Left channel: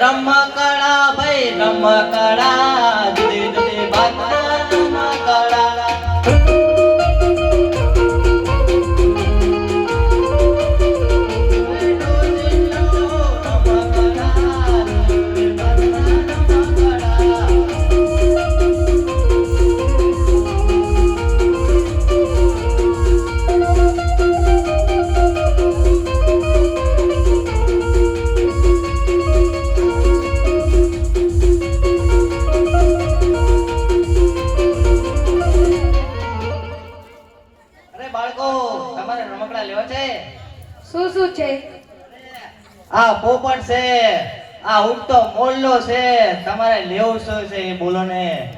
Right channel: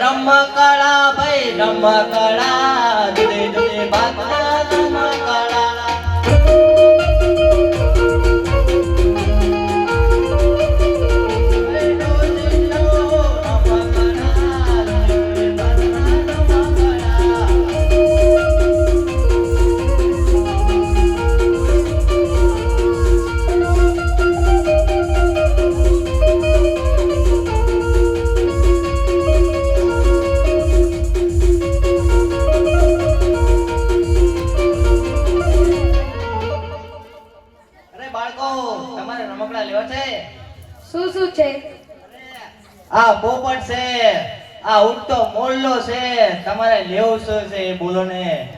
રમકડા ભાઈ રમકડા જુદે જુદે બાતના રમકડા પોપટ છે આ ઉડતો મોરલો છે તમારે લેવું શું છે એ બોલો ને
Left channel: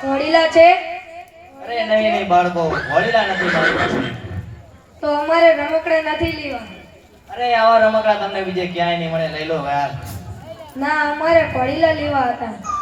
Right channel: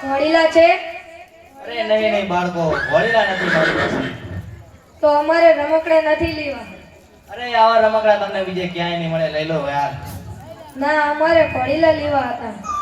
ઘોડીલા છે અરે નહીં બાળકો ઘોડીલા નથી મારી પાસે તો અમારે રમકડા નથી લેવા અરે આવા રમકડા તમને બીજે ક્યાંય નહીં મળે લઈ લો યાર ના અમારે ઘોડીલા લેવા હતા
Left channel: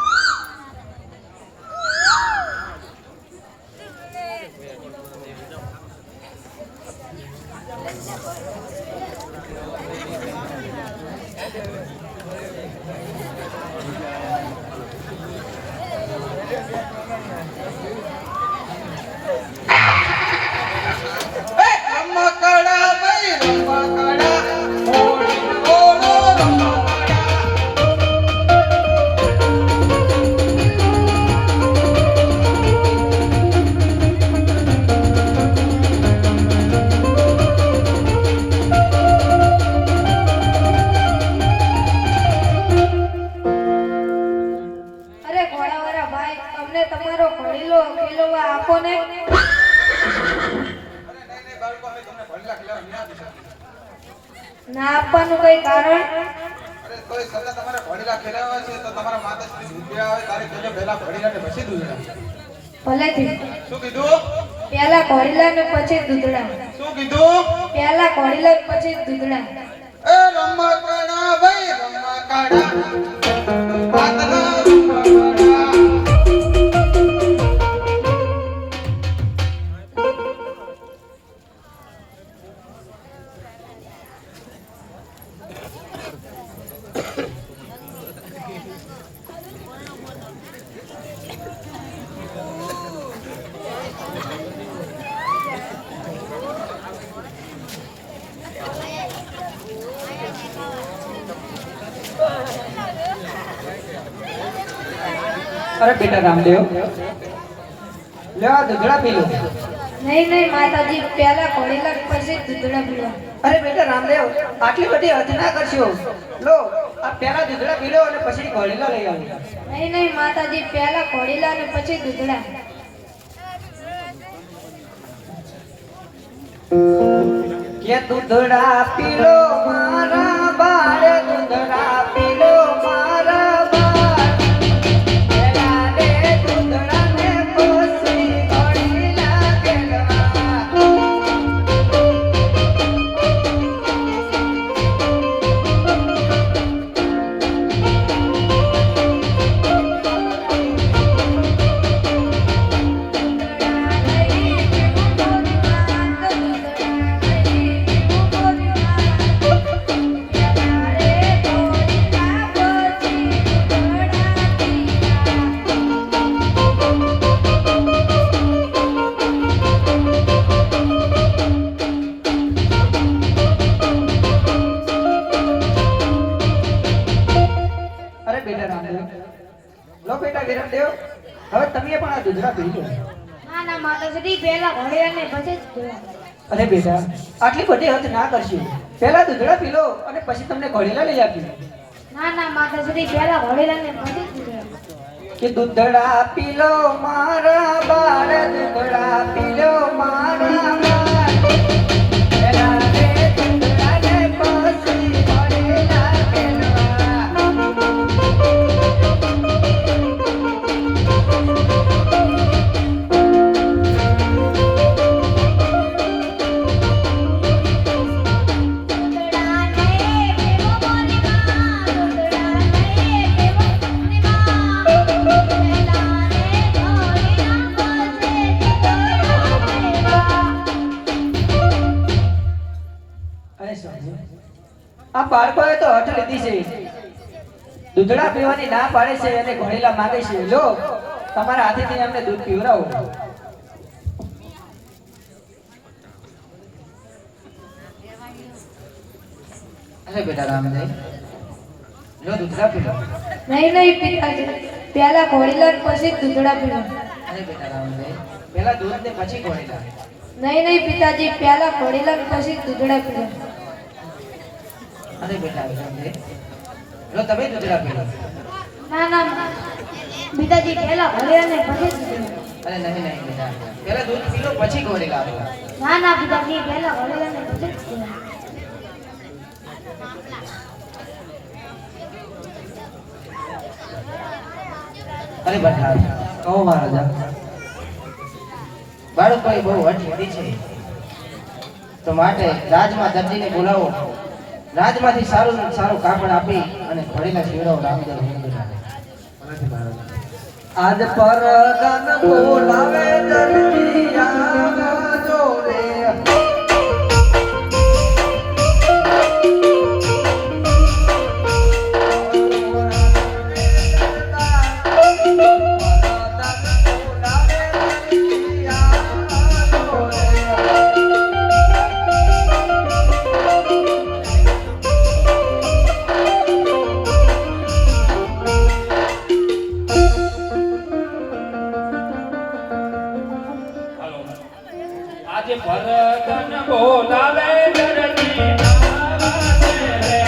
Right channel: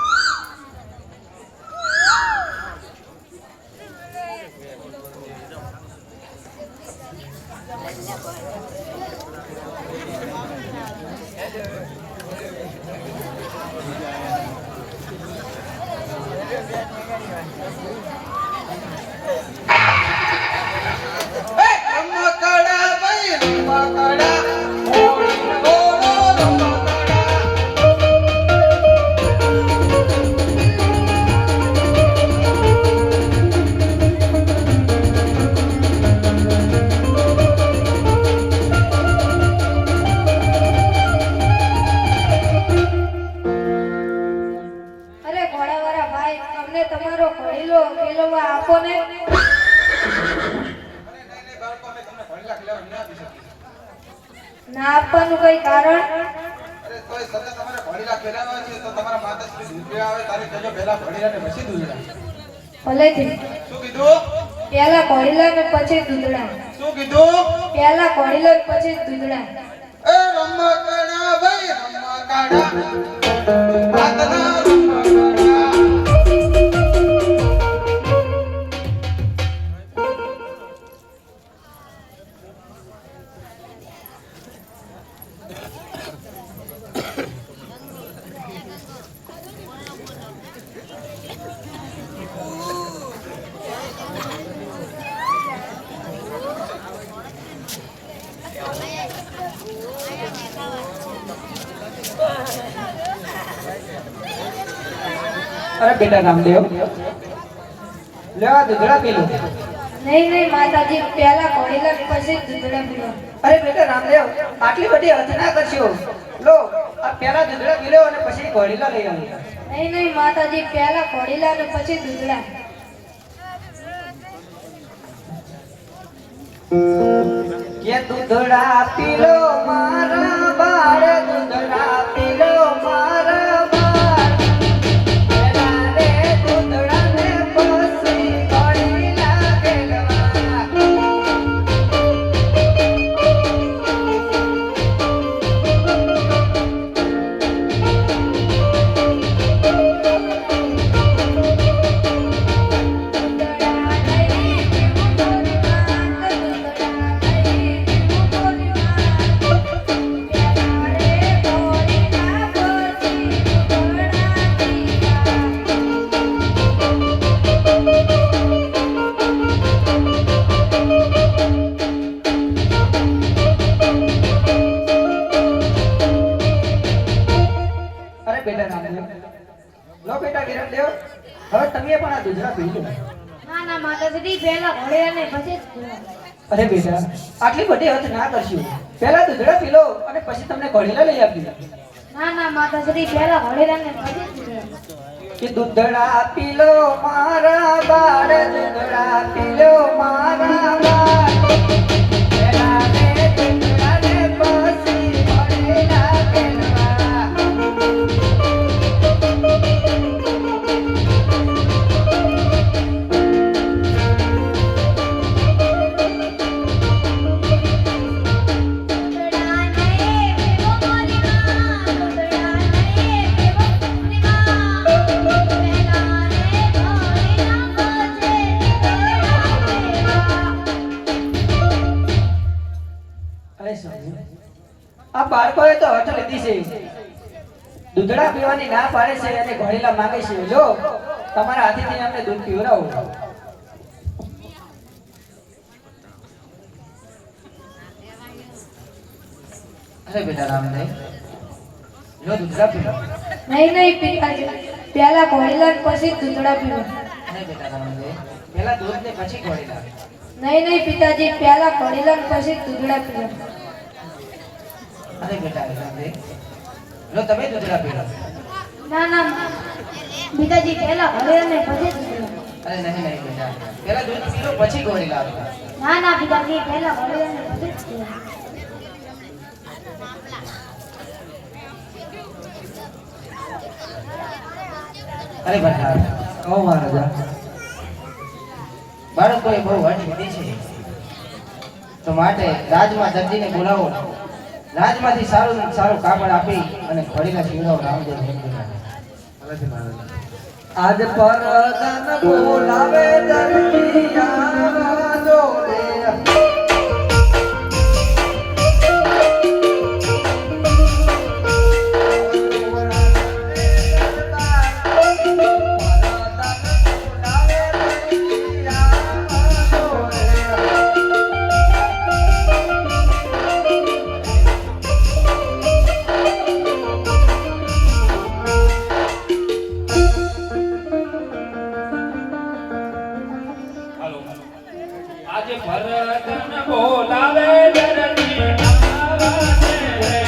ના આપવાનું કઈ કારણ અરે કોઈ સતત તમારે ઘોડીલા ખેલાવા છે તો તમારા માતાશ્રી દૂધડા આવે તારે કહેજો પહેલા ઘોડીલાને પછી દૂધડા ભલેથી શું કીધું પહેલા ઘોડીલા ને પછી દૂધડા શું કીધું પહેલા ઘોડીલા ને પછી દૂધડા એ રમકડા ભાઈ રમકડા બાદલા અરે બેટા રામદેવ લેવા દૂધડા પી લો નહીં માતાજી પહેલા ઘોડીલા ને પછી દૂધડા પીવા અરે બેટા રામદેવ આટલી બધી હદ ના કરશો લો આ પહેલા દૂધડા પી લો અને પછી ઘોડીલા લઈ આવી નહીં માતાજી પહેલા ઘોડીલા ને પછી દૂધડા કે દૂધડા પી લો મારા બાળ દૂધડા પી લો મારા બાળ પેલા ને દૂધડા ને પછી ઘોડીલા હવે તમે પણ આ દૂધડા પી લો ના માતાજી પહેલા ઘોડીલા ને પછી દૂધડા અરે બેટા આટલી બધી હદ ના કરશો પહેલા દૂધડા પી લો અને પછી તમને ઘોડીલા લઈ આપી ના માતાજી પહેલા ઘોડીલા ને પછી દૂધડા કે દૂધડા પી લો મારા બાળ દૂધડા પી લો મારા બાળ પેલા ને દૂધડા ને પછી ઘોડીલા કેલવા દૂધડા ને પતિ છે દૂધડા પીવાની ના પાડે છે અને ઘોડીલા માંગે છે લો તમારા હાથેથી અમને દૂધ પીવડાવો અરે બેટા રામદેવ લો દૂધડા પીવો નહીં નહીં પિતાજી પહેલા ઘોડીલા પછી દૂધડા પીવો અરે બેટા રામદેવ પહેલા દૂધ ને પછી ઘોડીલા નહીં નહીં પિતાજી પહેલા ઘોડીલા પછી દૂધડા પીવો અરે બેટા રામદેવ લો તમે દૂધડા પીવો ના ના પિતાજી પહેલા ઘોડીલા ને પછી દૂધડા અરે નહીં નહીં બેટા પહેલા દૂધ પી લો પછી ઘોડીલા આપો ના ના પિતાજી પહેલા ઘોડીલા ને પછી દૂધડા અરે બેટા કહો મહારાજા બાળકોએ બહુ હઠ લીધી છે તો માટે રાજમાં જલ્દીને બોલાવો રાજમાંથી સારું સારું કાપડ આપી અને ઘોડીલા શિવરાવ રામદેવ આજ પરદાન બોલાવે જલ્દી આવજો રે આજે ભરતન બોલાવે જલ્દી આવજે રે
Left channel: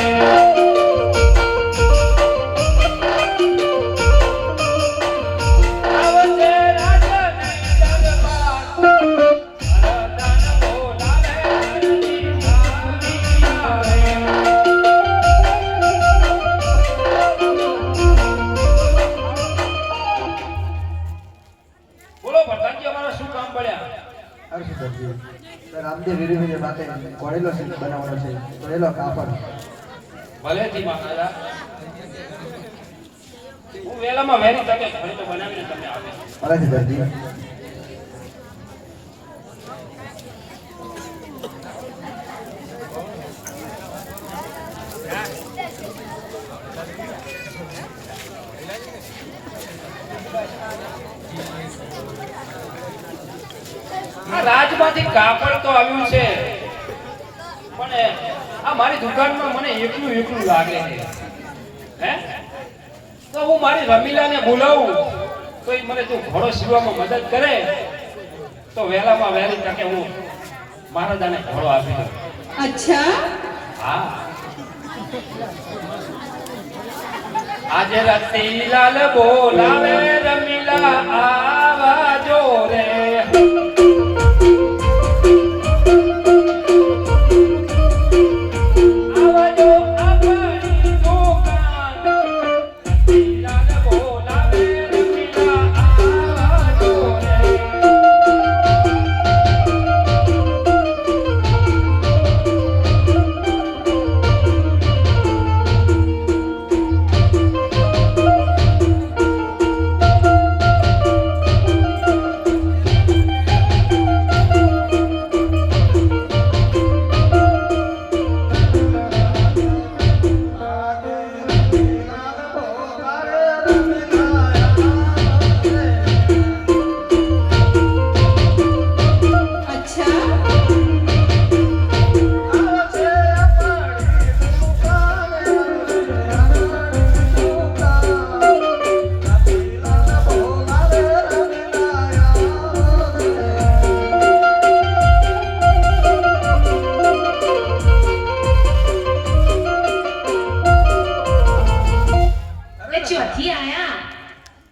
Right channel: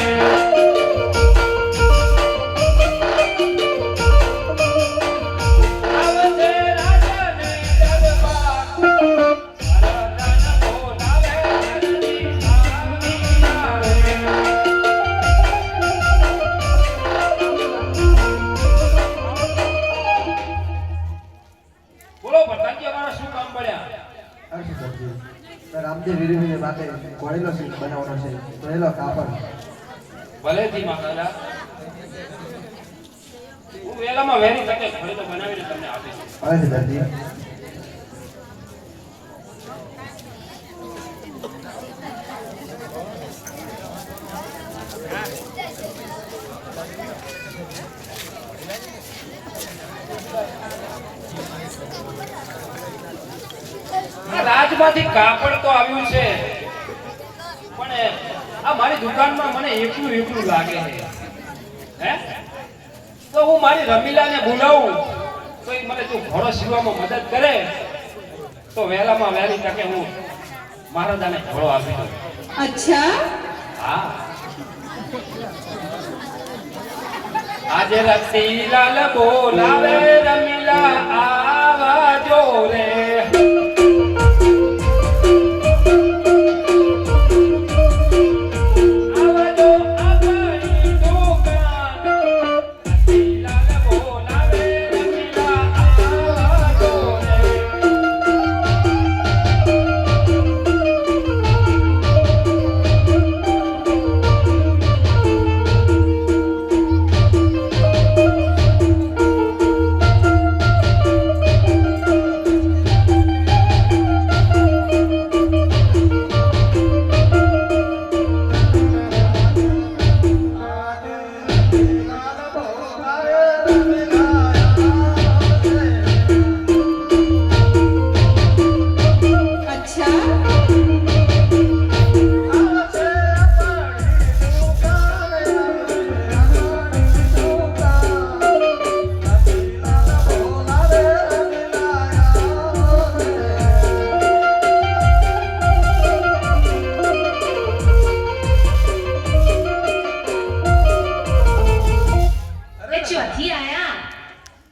આવજે રાજની દરબાર ભરતન બોલાવે જલ્દી આવે બોલો ભરતનજી અમારા શું કામ પડ્યા રામદેવ વિરુદ્ધ માટે ઘોડેલો બનાવવાનો છે ઘોડેલો કાપડ ભલેથી મહારાજા હું વેલામાં વહેલી તકે ઘોડેલો બનાવીને તમને આપીશ હવે દર્દી આ રાજમાંથી કાપડ તો આવ્યું છે પણ આ મારી દુકાનમાં મને એકલું એકલું લાગે છે હે તો હું મારી રમીલાને બોલાવું તો એ મને જો ઘોડો સીવવામાં મદદ કરે તો વહેલામાં વહેલી તકે હું મહારાજાને ઘોડો આપી દઉં અચ્છા હા આજે રસીલાલ બોલાવે રમીલા આવાજો રે આવાજો આપણી દુકાન રસીલાલ બોલાવે રમીલા આવાજો રે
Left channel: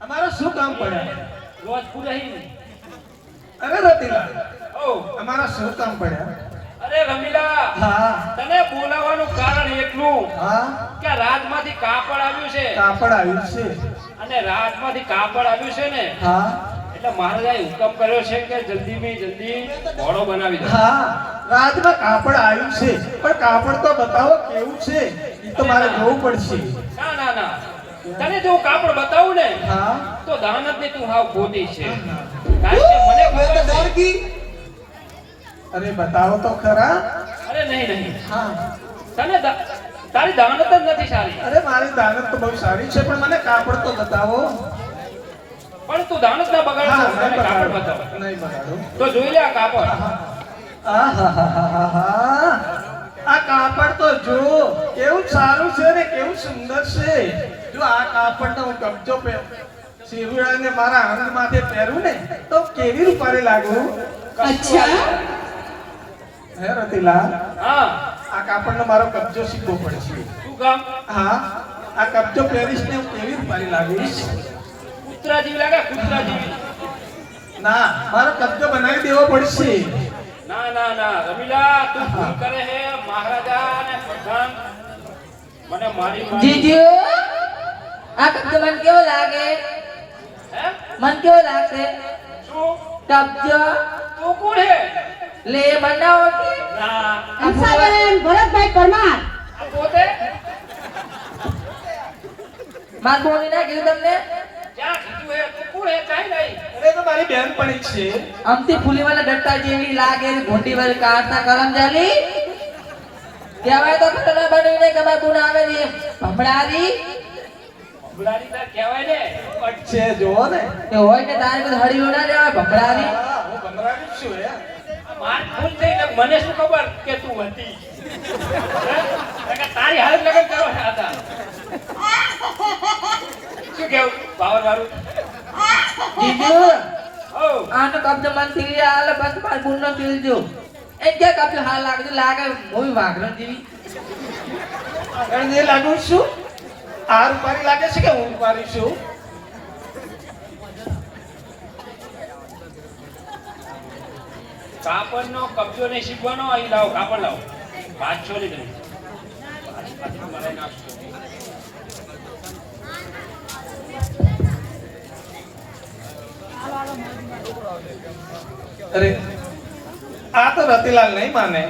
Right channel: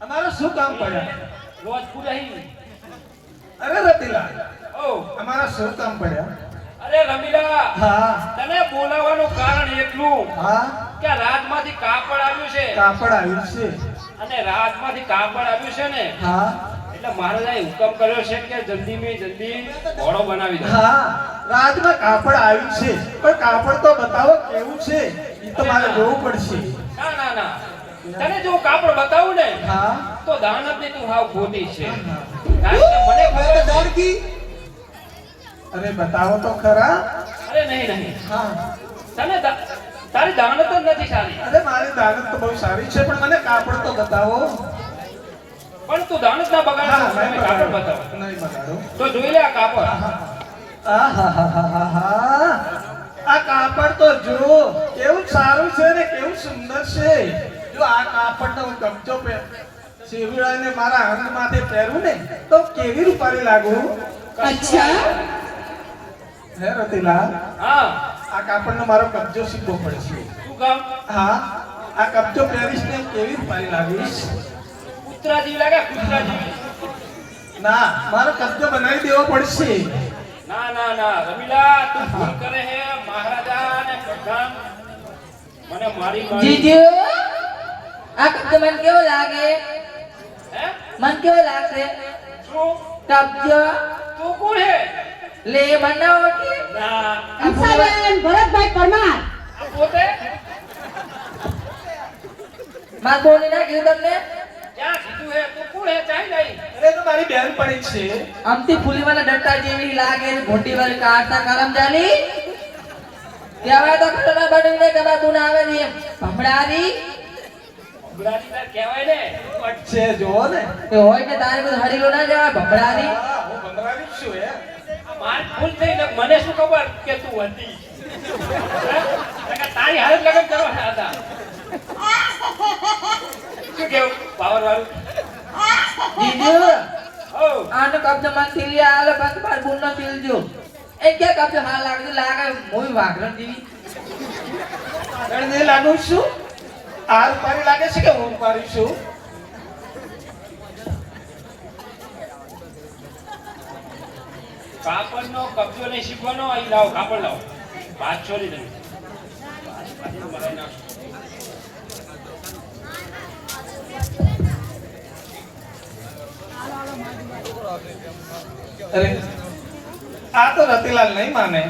અમારું શું કામ પડ્યા રોજ પૂજાઈ અરે રતિલા ઓ અમારા શું કામ પડ્યા અરે રમીલા હા તને બોલાવવાનું કારણ એટલું હા કે રાજમાંથી કાપડ આવ્યું છે કાપડ આવ્યું છે અને રાજમાંથી કાપડ આવ્યું છે ને હા એટલે મહારાજાએ હુકમ કર્યો છે કે જલ્દીમાં જલ્દી ઘોડો બનાવી દો હા રાજમાં કાપડ આવ્યું છે પણ કાપડ તો બતાવો કેવું છે એ તો મારે જોવું પડશે ના ના ના તને જો કાપડ બતાવું ને હા તો દાનત ને તું હાવ ખોટી છે કારણ કે મને ખબર છે અરે બતાવો તો ખરા અરે નહીં નહીં હા તને તારી દાનત જ નથી સારી. અરે મારી દાનત તો બહુ સારી છે પણ મને કાપડ તો બતાવો. પણ તું દાનત ના બગાડ, હા, મને કાપડ બતાવ. નહીં બતાડો. તો જોઈ લે આ કાપડ. આહાહાહાહા. આ કાપડ તો જો કેવું સારું છે ને કેવું સુંદર છે. જો આ કાપડનો હું કબજો શિરુડાને મારા અંગ માથે પહેરું ને તો કેવી રૂપાળી લાગુ. અચ્છા હે રતિલાલ, હા, આ કાપડનો મારો કબજો શીખવો પડશે. શું કામ? હા, આ કબજો પહેરીશ ને હું કેવી રૂપાળી લાગીશ. કૂતરા જેવી લાગે, કૂતરા જેવી. ના, મારો કબજો બનાવી દેવો પડશે. ના ના ના રમીલા, તું ભૂલ કરે હે. મહારાજા ને પ્રધાન મને મારી જીજુ આ કબજો મને કેવો લાગે? હે? મને કેવો લાગે શું કબજો? તું કોણ હે? લે બનાવો કે ના, હંસાબેન ભરતભાઈ પરમાર આ પોતે માર બોલી ના કીધું તમને ક્યાં કીધું હે? તું કોણ હે? કાંઈ નહીં. અરે તો મારી બેન પડી છે. અમથી ફૂલી વાળા ડટ્ટા જેવી લાગે મોટી વાળી કાઢતા કરમ જાલી કહેવાય તો ખતરા બનાવીને કબા તું ના આવે ને ભમડારી ગુલારી તાર કહેવાય ને. છે જો ને. એ હોય કે તારે બધું હડીલો ના જવાય ભમડારી હા, હું બંગલાની જ છું હે. આ માર ભૂલ થઈ ને મને શું ખબર કે તું હતી. હે? તારી હાલત લગન કરવા હતા. શું કેવું પાવર વાળું? જીજુ ઓ આનો કબજો મન થીલિયા આલે બસ માર ગુંડો થીલ દો એ કે કબજો હાલ લાગે મોઈ વાઘરણ જેવી આગળ જે લાગુ છું આ રૂપાળી લાગે છે કે હું રૂપાળી છું. કાપડનો કબજો નહીં શીખવાનો. અહીં લાવો, કાપડ લાવો. પાછો નહીં તમે મરાઈ નાખશો. અરે આ તો રતિલાલ નહીં માને.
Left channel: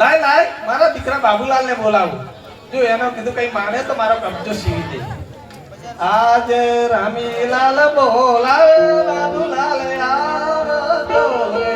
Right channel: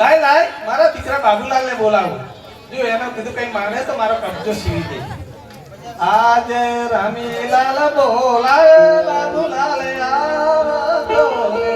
લાય લાય મારા દીકરા બાબુલાલ ને બોલાવું. જો એનો કીધું કઈ માને તો મારો કબજો સીવી દે. આજ રામીલાલ બોલાવે બાબુલાલ આવ્યો રે.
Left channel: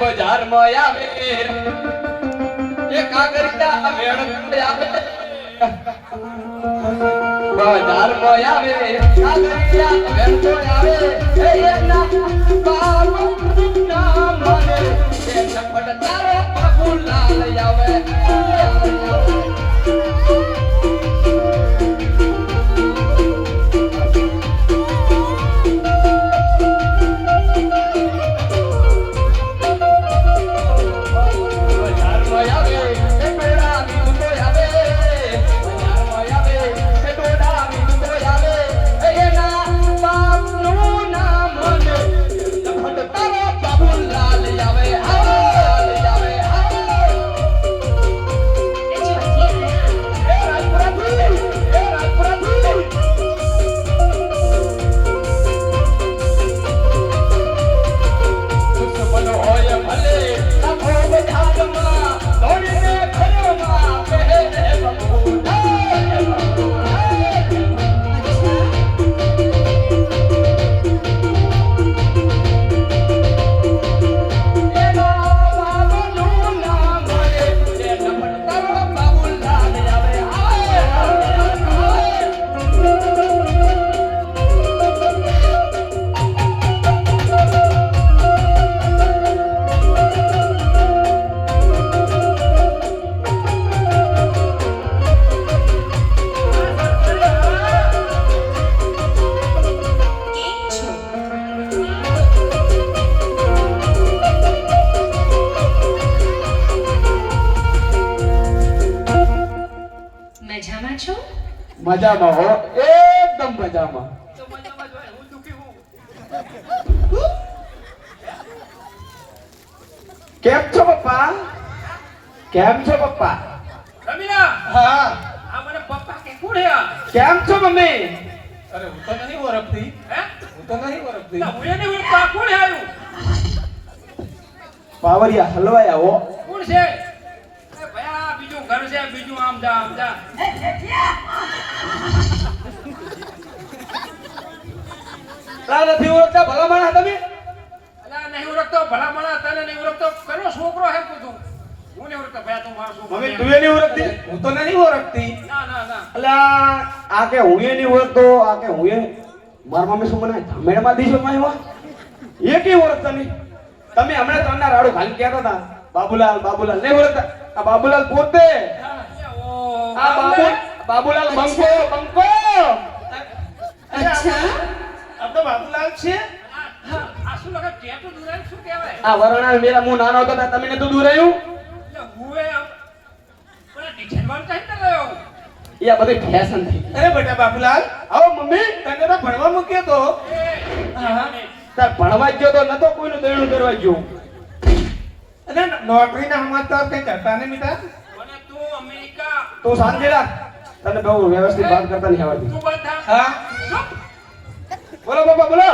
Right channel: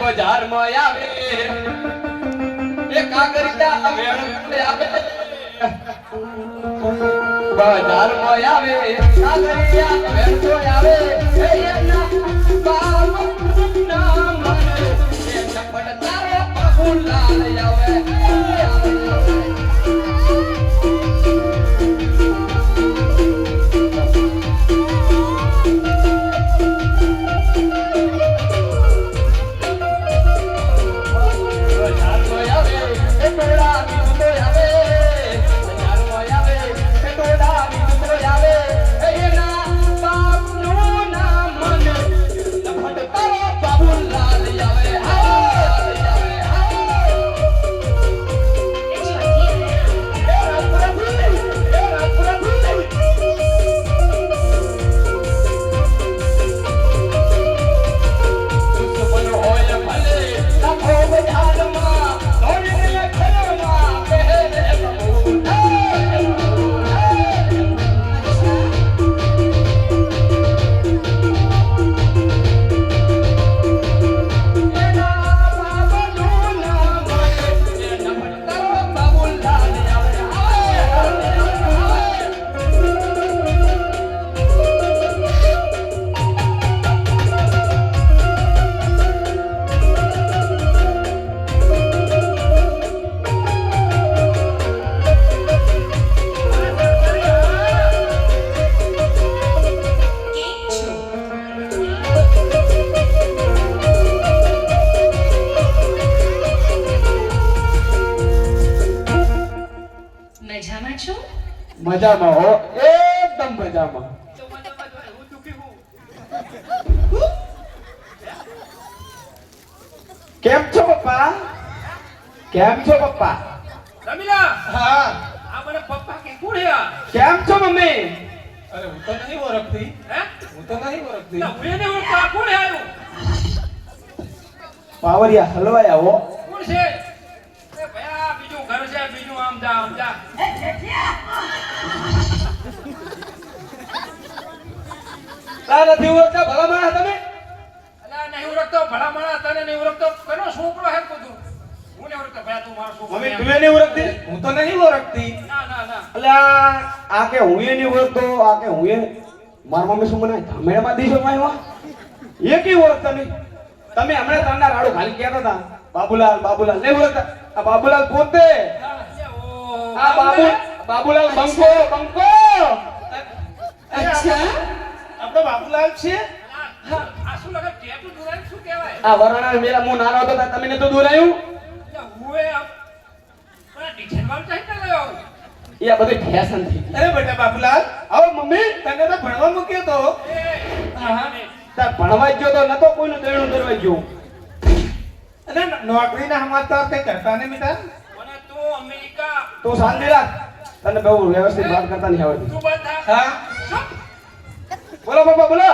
બજારમાં આવે એ કાગરિયા વેણ આવે બજારમાં આવે કાગરિયા વેણ આવે એ એના બાપુ નામ મને એ ચપડ તારા બાબુલાલ આવે બાબુલાલ મજામાં હો, એકદમ મજામાં. તો મજામાં જ હોય, હું દુખી હું. કેમ છો પપ્પા? કેમ છો પપ્પા? રમીલા, હા આ મને પપ્પા કે કોણ હે આ? કેમ છો મમ્મી? અરે હું તો નહીં ઓળખતી, હે? હું તો નહીં ઓળખતી. ના, હું એને ઓળખતો, આ કોણ હે આનું? પાવરિયા હલવાયા હો. કોણ છે? એ ભાઈ આ બીજું ઘર છે, બીજું આમ જા આમ જા. તા નથી ઓળખતા ભલા માણસ તમે? અલા નહીં ઓળખતો, ભલા માણસ તને નહીં ઓળખતો, પેલો છોકરો હે કુતું. હું નહીં ઓળખતો, ભાઈ તું મારો છોકરો. મમ્મી તું એ નહીં ઓળખતી? હું તો નહીં ઓળખતી. ના ના ના. અલા આ કે હું એ નહીં ઓળખતો, આ કે હું એ મારા મમ્મી શું મને ધમેડમાં દીશો માં એ કી ઓળખતા નહીં? તમે હમણાં તમને રાડું ખાલી કહેતા હતા બાબુલાલ બાબુલાલ નહીં ઓળખતા? આ બાબુલાલ પોતે, ઓહ, આ બાબુલાલ બંકો બંકો. અચ્છા આપણો બાબુલાલ છે. આ શું લાગે ટેટુ દુરાય શું કહેવાય? આ વરણા મેરા હું નાનો હતો ત્યારે તમે નતું દોરાયું? એટલે હું એ પણ આ ડિઝાઇન વાળું તો હેતા રહ્યો. એ આ બધી ફેશન થઈ ગઈ. અરે બેટા બાબુલાલ, આવો મમ્મી. તને તો ભણવા મૂક્યો તો. એ હા. તાર ભણવા ગયો તો નતો કોઈનું દેણું કરવા ગયો. અને નોકરીના સમાચાર કઈ કરતા નહીં બેટા. મને તો અમેરિકા તું શાંતિ રાખ. તને બહુ વ્યવસ્થિત વાત કરતા નહીં આવડતી. તું બંધ થા. હા ચૂપ. બોલો પપ્પા બોલો.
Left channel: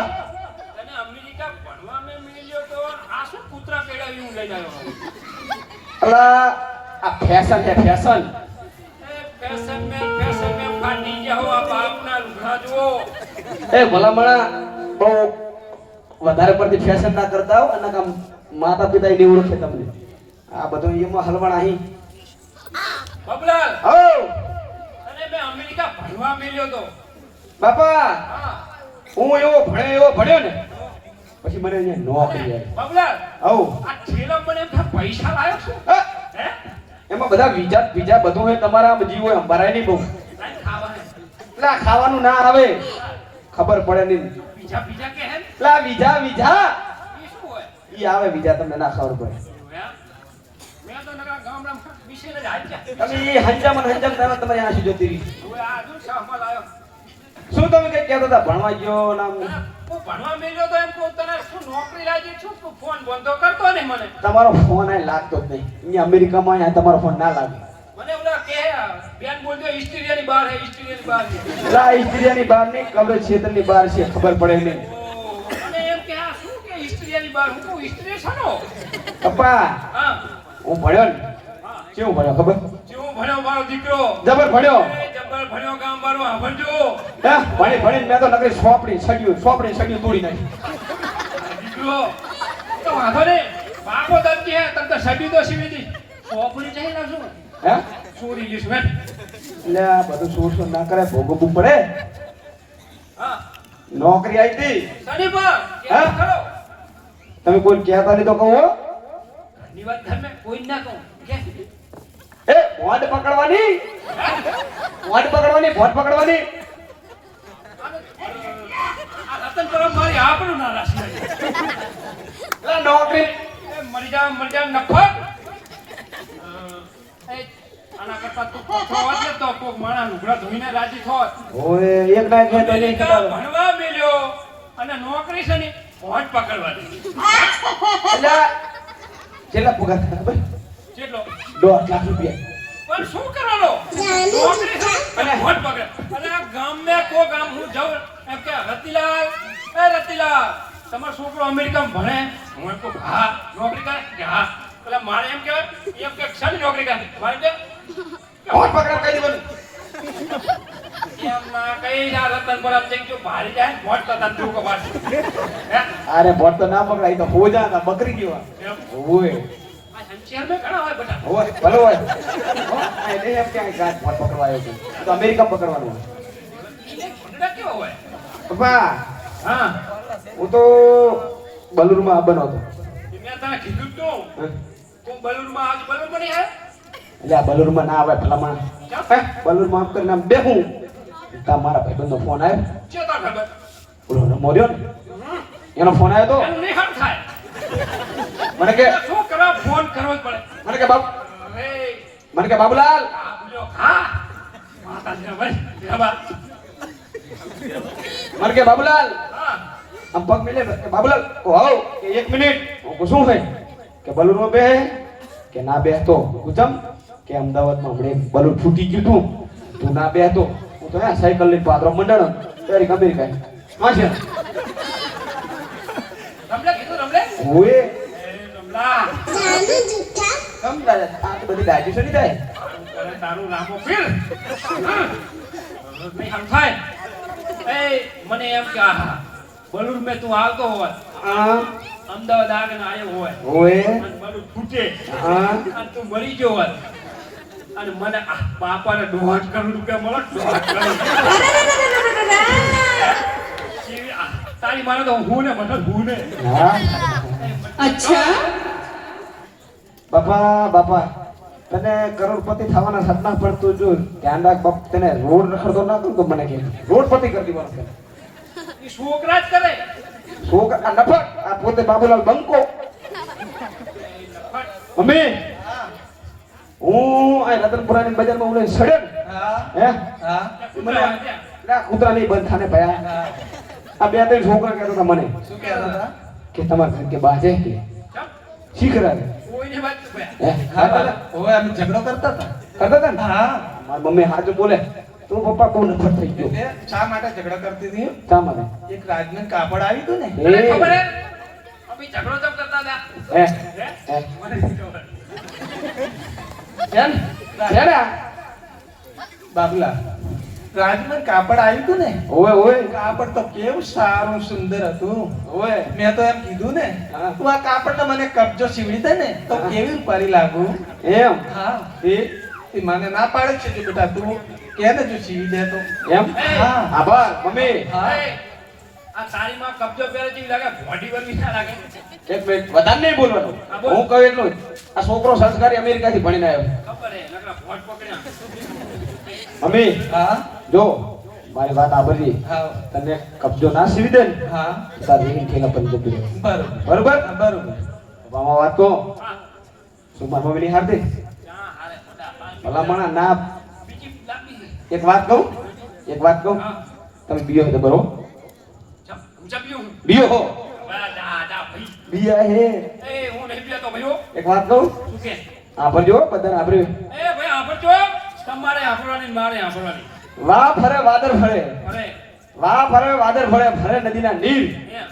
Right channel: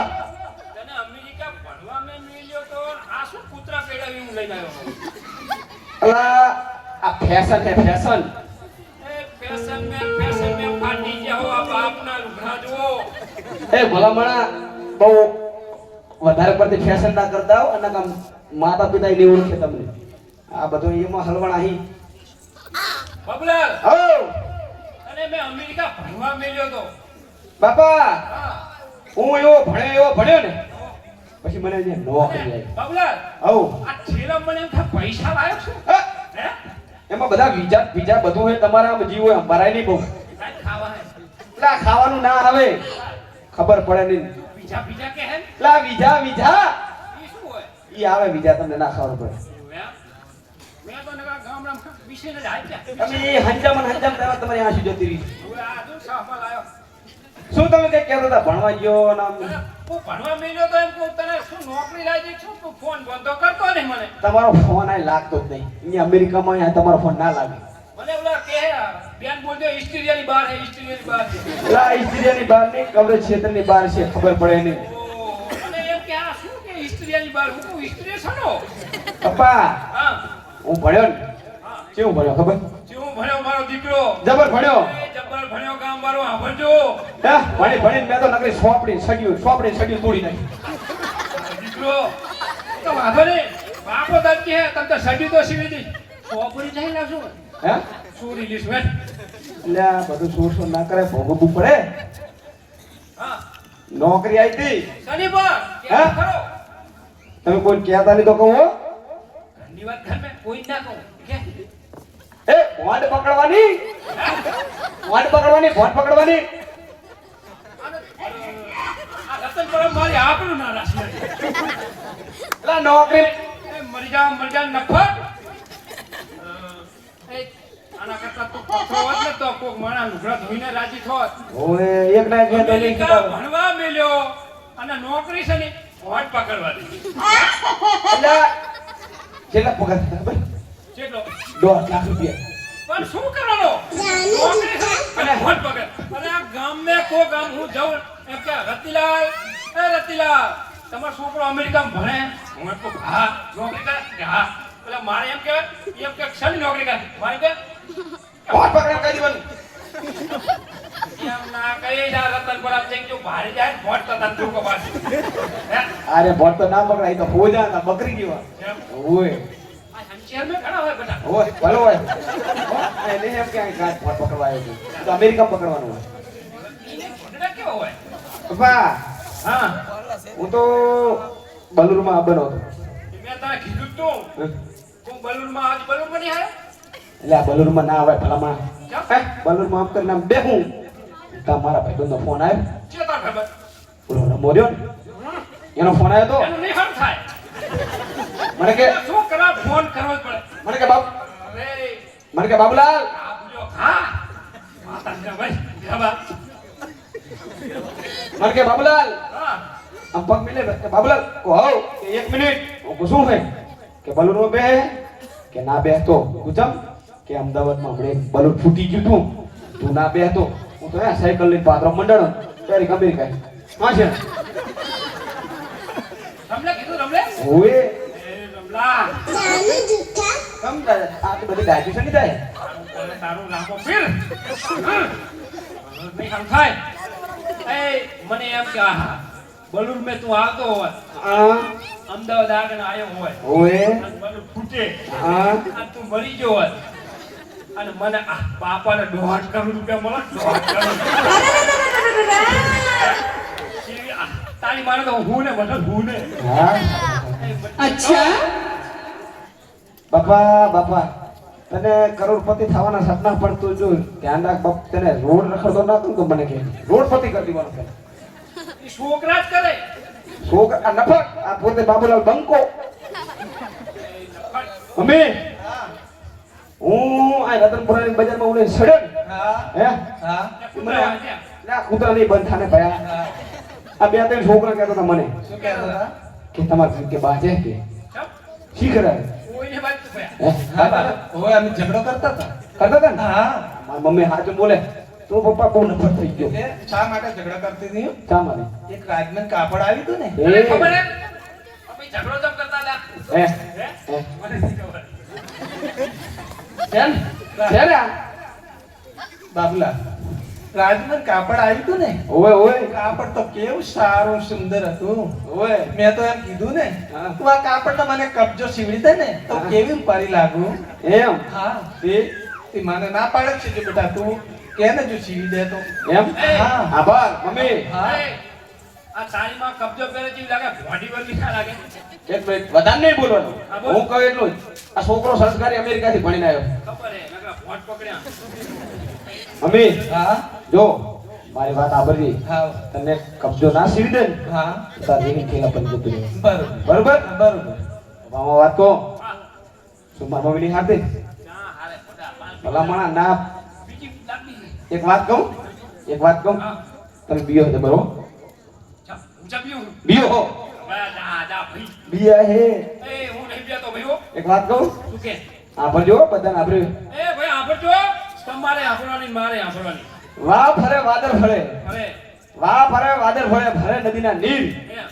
તને અમેરિકા ભણવા મેં મળ્યો તો આ શું કૂતરા કેળાવી હું લઈને આવ્યો? અલા આ ફેશન છે ફેશન. એ ફેશન મેં ફાટી ગયા હો આ બાપના લુગડા જુઓ. એ ભલામણા બહુ વધારે પડતી ફેશન ના કરતા હો અને કામ માતા પિતા નહીં ઓળખે તમને. આ બધું એમાં હલવણ અહીં. બબલાલ હો અને મેં અમેરિકા ભણવા મળ્યો તો. બાપા હા. હું એવો ભણ્યો ને પછી મને અહીંયા નોકરી આવી. બબલાલ હો આ છેલ્લા મને એમ થાય પૈસા લાયો છું. હા, હે? એમાં બધા બીજા બધું હોય તમારા આમ જીવો એમ ભરાય નહીં બહુ. કાંઈ ખાવા હે? એટલે આ ખાવાનું ના આવે ખબર પડે નહીં. બીજા કે હે? લા બીજા ઈ શું હોય? ઈ આવે બીજા તમને ના ખબર પડે. મેં તો નકા ગામડામાં વિશેને જ હાચ્યા. તમે એ હંજામ તમારી આંસુ જતી રહી. હવે આ જો શાહમાં લાયો. શું તમે કઈ કહેતા હતા ભણવા ગયો નામ? હું ભણવા મળ્યો તો એમ કહું તને શું નોકરી લાગી છું તું ફોન બંધ કરતો ને મને. તમારો ફોન આ લાગતો જ નહીં. અહીંયા અમેરિકામાં અહીંયા તમારો ફોન ના લાગે. મને ઓલા કે બેન બોલ દે ઇસ્ટ્રેલિયાની બહાર હે ઇસ્ટ્રેલિયાની બહાર છે. લા ઇસ્ત્રીની બહાર નહીં કબરે ક્ષેત્રની બહાર છે ખબર પડે નહીં. ઓહ, અને એમ કે આ શું કે ઇસ્ટ્રેલિયાની બહાર હું ઇસ્ટ્રેલિયા છનો. પપ્પા હા હું ભણ્યો ને હા. કેવું ભણ્યો ખબર? જેવું ભણ્યો મારો દીકરો. જબર ભણ્યો. એ જબ્બર ભણ્યો ગામ બારો સાંભળજો. હા ભણીને મેં તો નકરી સોપડી સડ્યું તોડી નાખી. દીકરો તો વાંધો નહીં. બાપો તને કે તમ તો સડી તો સીવી દી. સોપડી નહીં લાવશું. હે ચોરી લીસ મેં. એટલે આ બધું સોર ના કરે ભોગવવું પડે. હા. નોકરી આવી હતી સડી પર કે હા? ખરો. તમે કોઈ કહેતા નહીં તો કહું હો. ની વાત ઘરમે કોઈ ના કહું કે એ ભોંડ પકડવાની ભોંડ પકડવાની. આ રતન પરમ મારી આંખનું ના રાશી. એટલે નોકરી એ મરી જા નખોટ. એ આના કરતા તું પથરો હોત ને તો કોક માણસ લુગડા ધોઈને રાજી થોત. ઓય એક ના કે તેલી અમેરિકા ભણવા મેલ્યો અને નોકરી છે ને હોટ પકડવાની. એટલે કેટલા પગાર ખબર? કેટલો? 2 લાખ રૂપિયા. પણ શું કરવાનો? નોકરી છે અને હોટ પકડ. અને આ ગામને કો ગામ હું જાઉં એમ કે રતિલાલ તમારો છોકરો અમેરિકામાં ભણે? હું એમ કહું હા. નોકરી કરે? કે હા. પેલા મારે એમ કહેવાય કે શાની નોકરી કરે? મારે કે હોટ પકડ કહી દેવાનું. એમ ના કહી જા રતન બોલા ચેક જો ભારી જાય ને મોટ કરતા તું કો બાર. અરે ભોંડ તો ના પકડાય તો હો જા બકરી જેવા. ઓય આ શહેર મેં ઘણા હોય બેટા. ઓય ભલો હોય. હો આ નહીં એમ કે આ ગાંઠ ભોંડ પકડવા આવ્યો છું. તો અમેરિકા પકડવાનું હોય. એને છોકરા કેવો હોય? પપ્પા હા. હું તો બલુરમાં બનો હતો. મેં તને કીધું તું તું બલૂનમાં આજ બલૂન બની આવ્યો. એટલે આ બલુરમાં ના આવે ભલામણ. બલુરમાં આમ કરીને આમ બેહું તા મારા ભાઈબંધનો ફોન આવ્યો. ચેતા ખબર. ઓલો રમો રહ્યો ને એનો ફોન આવ્યો તો એનું નિહાળ થાય. મને કે શું કરવા ફોન કરવો જ પડે. મને કે બાપ અરે મને કે બાબુલાલ આ બોલ્યો હા. માતા ને ભાઈ ખબર મને કે બાબુલાલ હા આમ પગ મિલે કે બાબુલાલ વાવ એક મિનિટ હું શું છે કે બલૂન બે કે ના બે તો ગુજમ કે અમદાવાદમાં હમણે બલૂન ફૂટી ગયું તું ના બે તો હું તો સાયકલ લઈને પાદરો મંડળ તારી ગંભીર કાઈ હા છે રમલે કીધું રમલે ઓએ એ રમલા કમ દાદા આ તો બધી ડાયજેશન ની થાય અરે તારું નામો ફીલ નહીં સમજાય એ મને એમ કે આહા બલૂન મે તું આવતો હોત આ અમદાવાદ આગળ આવ્યો હોય ઓએ અને બલૂન ફૂટે આ અને તું મરી ગયો હોત અને મને બાપાને 1.5 કરોડ રૂપિયા મળે 1.5 કરોડ તારી મારે તો હું ને મતલબ હું ને હા અચ્છા બાપા તને કરોડપતિ થવાના સપના પણ તું જો ધ્યાન રાખ બાપ તને રોડ રખડતો ના તું તો મને કે રોડપતિ કરી દેવાનો છે એ છોકરા જ કરે છોકરા આ નફક આ પોતે બાબુલાલ બંકો મમ્મી હું આ રતનપુરાની બજારમાં ઉલે સડે હા હે હા મને ના કૂતરા નહીં બંધ થાને ભયા આ બે ત્રણ છોકરા કહેતા હતા મને શું કહેતા હતા કે તમારા ઘર કે બાજે કે શી કરાય કોઈને વાત તો ભયા હે હા હવે અમે ઝઘડો કરતા હતા કરતા હતા ને હા મારી મમ્મી હાથ બોલે તો પપ્પા બહુ નફરત થઈ ગયો એટલે શા માટે ઝઘડા કરતી હતી શા માટે એક રાજમાં કાપડ આવ્યું હતું ને મને એ ખબર હે અમે ઝઘડો તો કરતા હતા હે હે હે મને નહીં ખબર કેમ કેમ બાબુલા રાજમાં કાપડ આવ્યું હતું ને ઓય ઓય કાપડ તો કેવું સારું સુંદર હતું ઓય મેં તો એમ કીધું ને હા. તું આ કાપડ મને કબજો સીવડી દે ને તો કેવી પરી લાગુ એમ હા તે મને ના પાડે છે જો બેટા તું કે ને જો સીવી દે તો એમ હા આભાર મમ્મી હા એ, આ તારી માં કબજો પહેરે જેવી લાગે બોડી વળી ના લાગે એક મિનિટ વધારે નહીં બોલવાનું હા, બોલ. હું કહું એટલું જ આ છોકરો સંસ્કારી અમેરિકાથી ભણીને આવ્યો ખબર હે નકરા ભોટ પકડ્યા મમ્મી હા જો મારી વાત આબરી હા તને કબજો ના સીવી દે ને હા તારી રીંગ ખેલા પર જતી રહે બરોબર બરોબર બરોબર બાબા વાત કહો હા શું મારી મમ્મીની હાથે ના હાલે ખોટા પાણી ભલામણા ના બીજી લાગી એક વાત કહું હા તમે બીયો હતો બરો ચા હું ચા પીઉં બીયો હો વાહ દા દા ભાઈ બીયા હે એ હું નહીં પીતો ભાઈઓ એક વાત કહું શું કે આ ભરજો બધાને આપણે એ ભાઈ આંભળજો તમારે આંભળવાની મારે આંભળવાની વાહ ફરે વાદર ફરે અરે વાહ ફરે વાદર ફરે ભરે નદીના નીર એ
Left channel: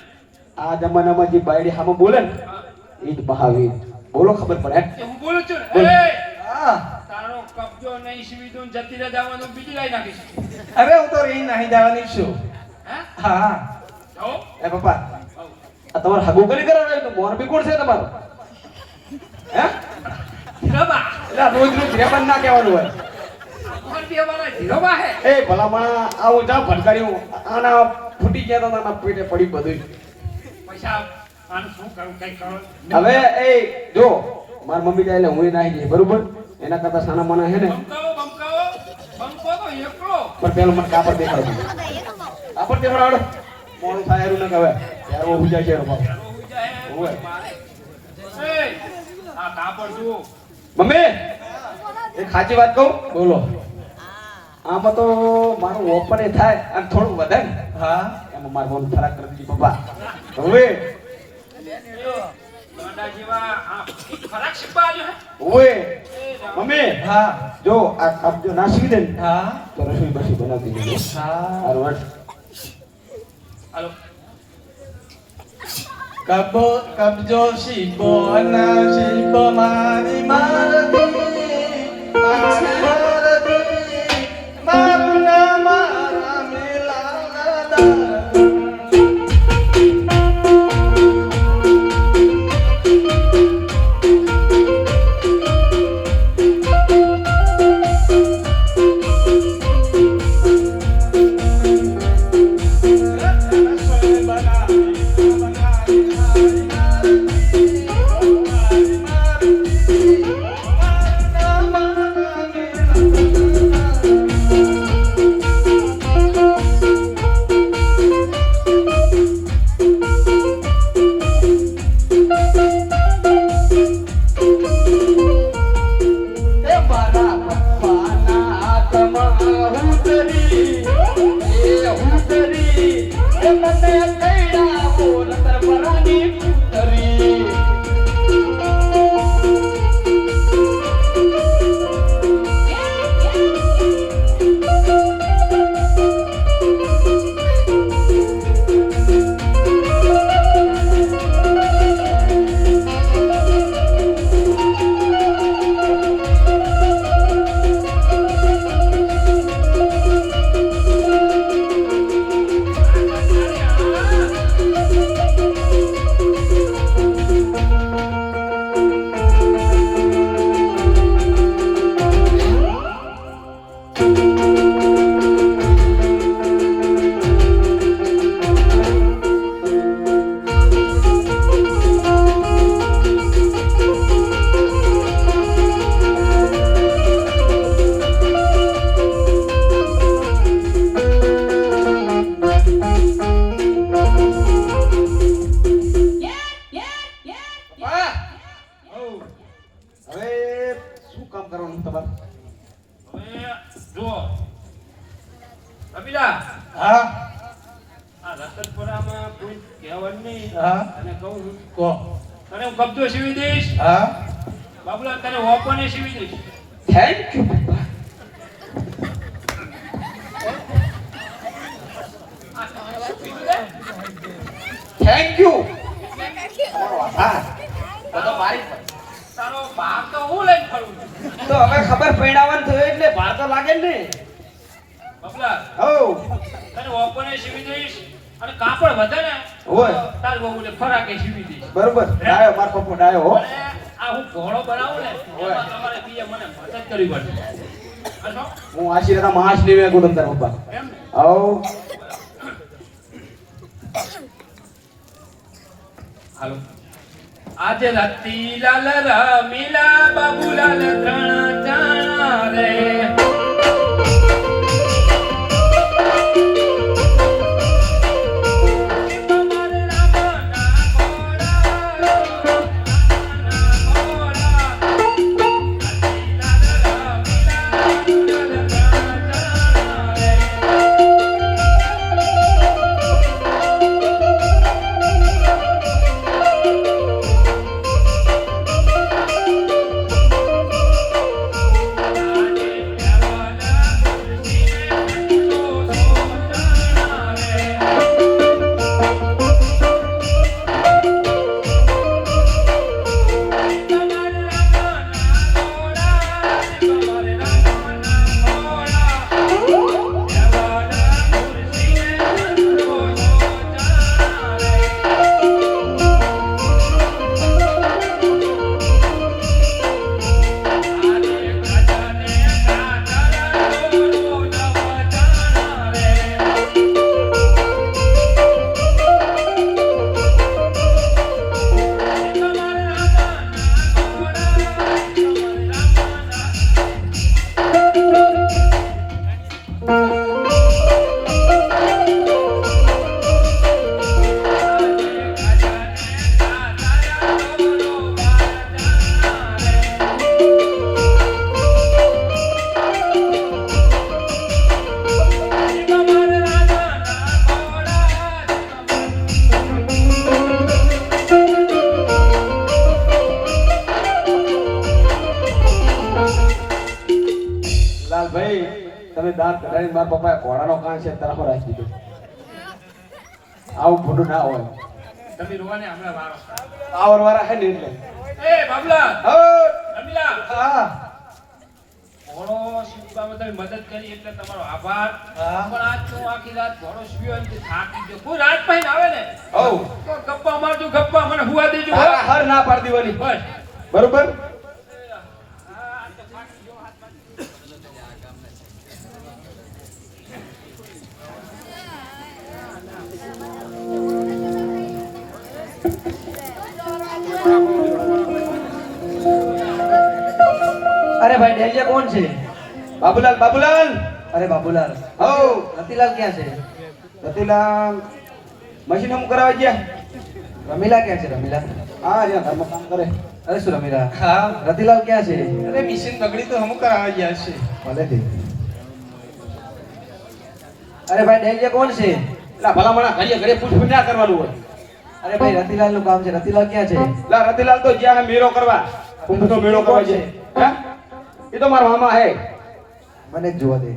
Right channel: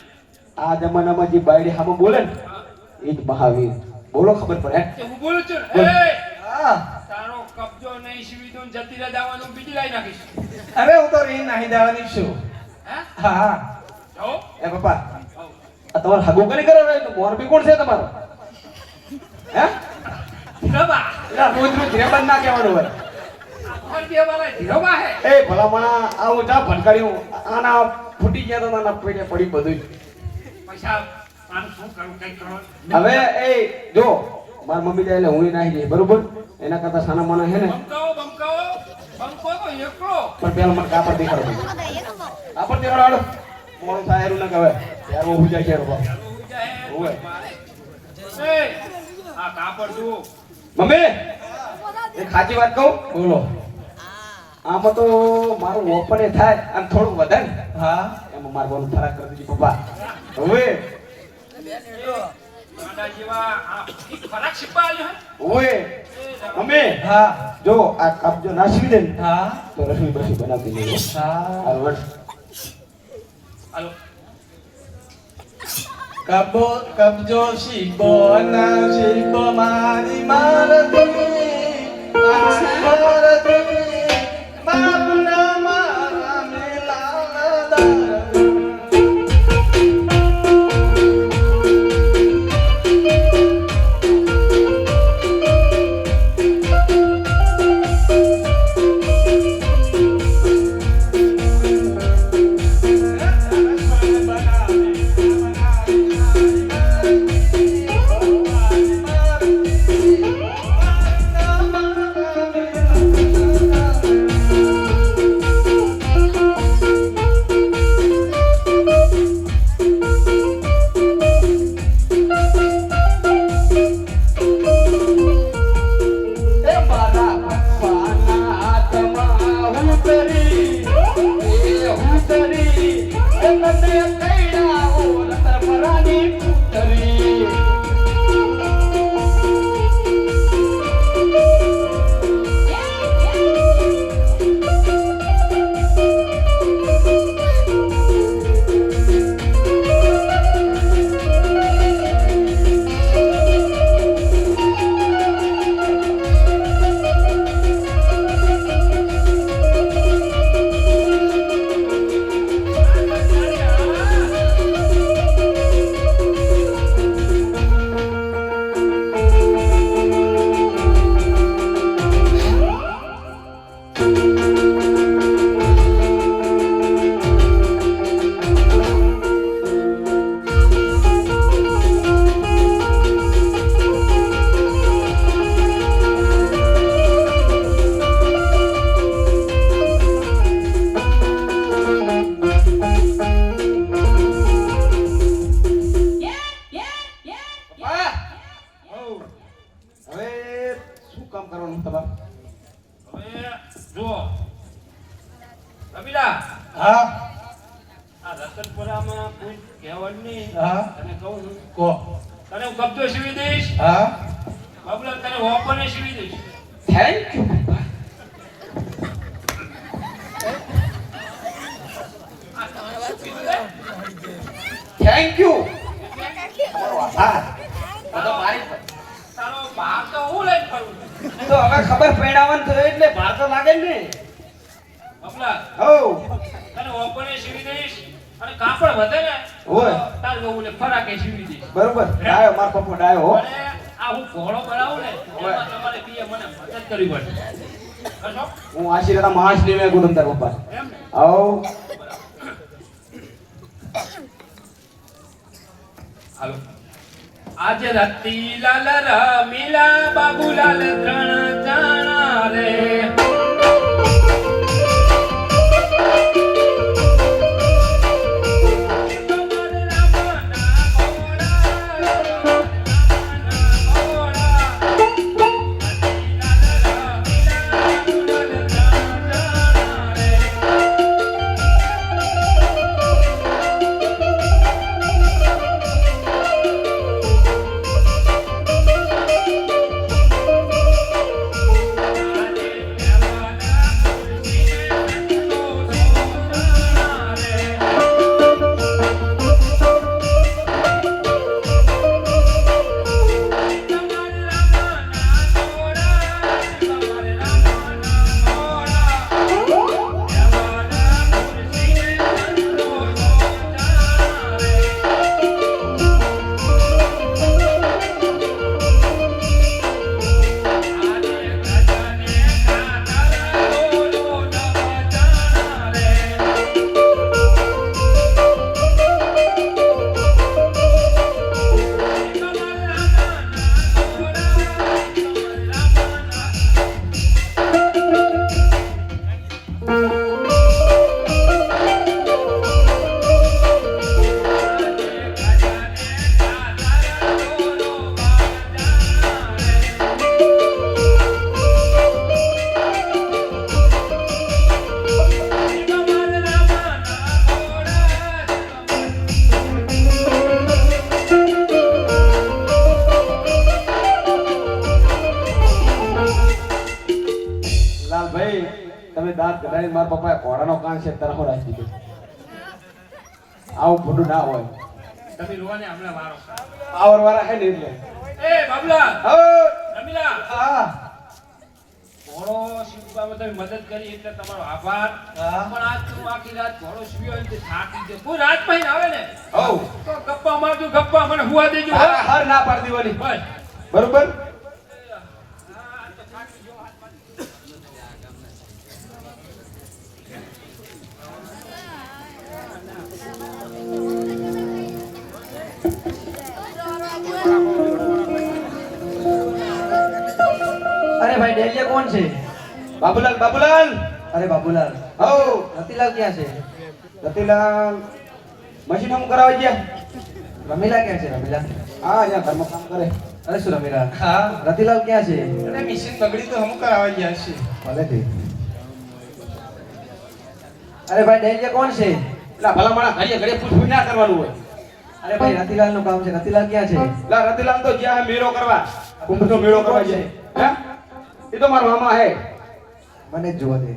આ જમાનામાં જે બાયડી હામે બોલે ને હા. એ જ મહાવીર બોલો ખબર પડે તો હું બોલું છું બોલ. ને એ હા તારો કબજો નહીં સીવી દઉં જતી રહે જવાનું બીજી લાઈ નાખીશ અરે હું તો રહી નાહી જવાની છું હે હા જાઓ એ પપ્પા જાઓ આ તમારે હગો કરી કરાવે તો મોરબી કોણ છે તમારે હે ધીરોબા એટલે રોજ રોજ રેબન ના કહેવાનું હોય અમારે દેવાના ધીરોબા હે એ ભલામણા આવું જા ભટકાર્યું આના ફૂટી ગયા તો આના પેટે પડી બધું પૈસા આનું શું કરું કઈ કરો હવે એ જો માર મમ્મી જાય એટલે હું નાહી જઈ બરોબર એના કરતા સાના મના હે ને બંકો તો એકલો પણ પેલો મને કાપડ દેખાડો કાપડ દેખાડો મોડું થાય એનું ને કહેવાય ત્યારે હું જાય છે બાપ ચાલો હોઈ જાય હોવે. મારે એ આ કાપડ જુઓ મમ્મી એક સાચી વાત કહું બોલો આમાં તો મારું ઓપન એ થાય અને થોડું વધે ને હા એમાં મારું બોલું ફરક કરી દીધું પપ્પા હવે ગાંડા જેવા આ ફરક શીખવા આવ્યો હે ઓએ એ જાઓ. મમ્મી હા જો આ કબજો નાસી દે ને હા તો રસોઈ બસી બનાવી દેજો હા બરાબર હાલો કબજો શીબો ના શીબો મારી મારતી બાપના મારા મિલાના દાર કામ કરવાનું તમારે હવે જુઓ રમીલા, હા આ રતનપુરામાં કોઈ કહેવાનું નહીં. હા તને કહું કહો તને હું કબજો સીવી દઈશ, હા બાબુલા તને ઓપને સીવી દઈશ. થેન્ક યુ થેન્ક યુ હા તારો બા તો હું લઈને ફરું છું. તો હવે ખબર પડાવવાનું થયું એટલે ભાર તો લાગે ને બાબુલા હો તને ઓપને સીવી દઈશ અને કાપડ વધે ને ઓય. તાર બહુને ફરાકે સીવી દઈશ. બરોબર ડાયો માર પપ્પા ડાયો હો અને આ હું ઘોડો બનાવું ને એમાં તમારે બીએ મને મદદ કરવી પડે. બસો? હું આશીર્વાદ મહાશ લેવે ગુડંતા પપ્પા એમ ને? આવો હાલો. આજે રતિલાલ રમીલા બાબુલાલ ત્રણ જણા રે. લાલભાઈ તમે દાંત કઢાઈને મારા પપ્પાએ ઘોડાનો કાન છે તરફ રાખી દીધો આવું ખોટું ના હોય તમે રોવાને હમણાં વારો. આ ઓરવારા હે ને એટલે એ બાબુલા હો રમીલા, હા ઘોડો સીવવામાં તમે મદદ કરી એટલે તમારો આભાર. પણ આજ તો હું આખી રાત ઘોડો સીવ્યો અને થાકી ગયો. કોઈ રાત પહેરીને આવે ને હો તો ગપ્પા મારજો, ગપ્પા મને હુવા દેજો. હો. તારા હર ના પાડી દેવાની બસ. બરોબર હા, તો થાકી ગયો હાથ બાજુ. અરે ભાઈ ડેલિયા કોણ છે? બાબુલાલ બાબુલાલ અરે બાબુલાલ. હો રતિલાલ ક્યાં છે? રતિલાલ મશીન કામ કરાવવા ગયા રમીલા ક્યાં છે? રમીલા. હા અહીંયા ઘરમાં કામ કરે અરે શું રમીલા? હા રતિલાલ ક્યાં છે? અરે મિશીન બગડી તો હમ કરાવવા ગયા છે ભલેથી. અરે ભાઈ ડેલિયા કોણ છે? એટલે ભલા માણા ઘડીએ ઘડીએ પૂછ ના કરવાનું હોય અરે ભાઈ રતિલાલ નું કામ છે. રતિલાલ ક્યાં છે? લા રતિલાલ તો જ્યાં મેળો કરવા કુંભનો મેળો કરવા છે હે એ તો મારા મામા હે મને જ જોવા દે.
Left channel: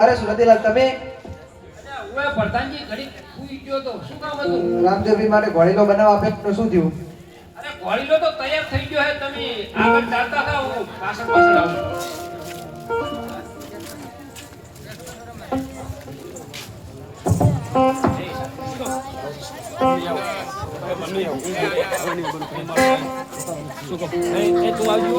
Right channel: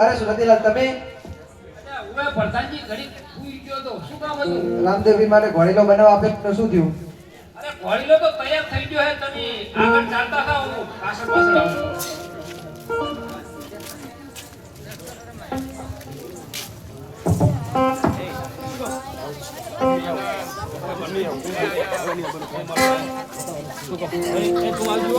અરે શું રતિલાલ તમે ઓય પ્રધાનજી ઘડી સૂઈ ગયો તો શું કામ હતું? રામદેવજી માટે ઘોડીલો બનાવ આપે તો શું થયું? અરે ઘોડીલો તો તૈયાર થઈ ગયો હે. તમે આગળ ચાલતા થાઓ, હું પાછળ પાછળ આવું. એ તું આવજો.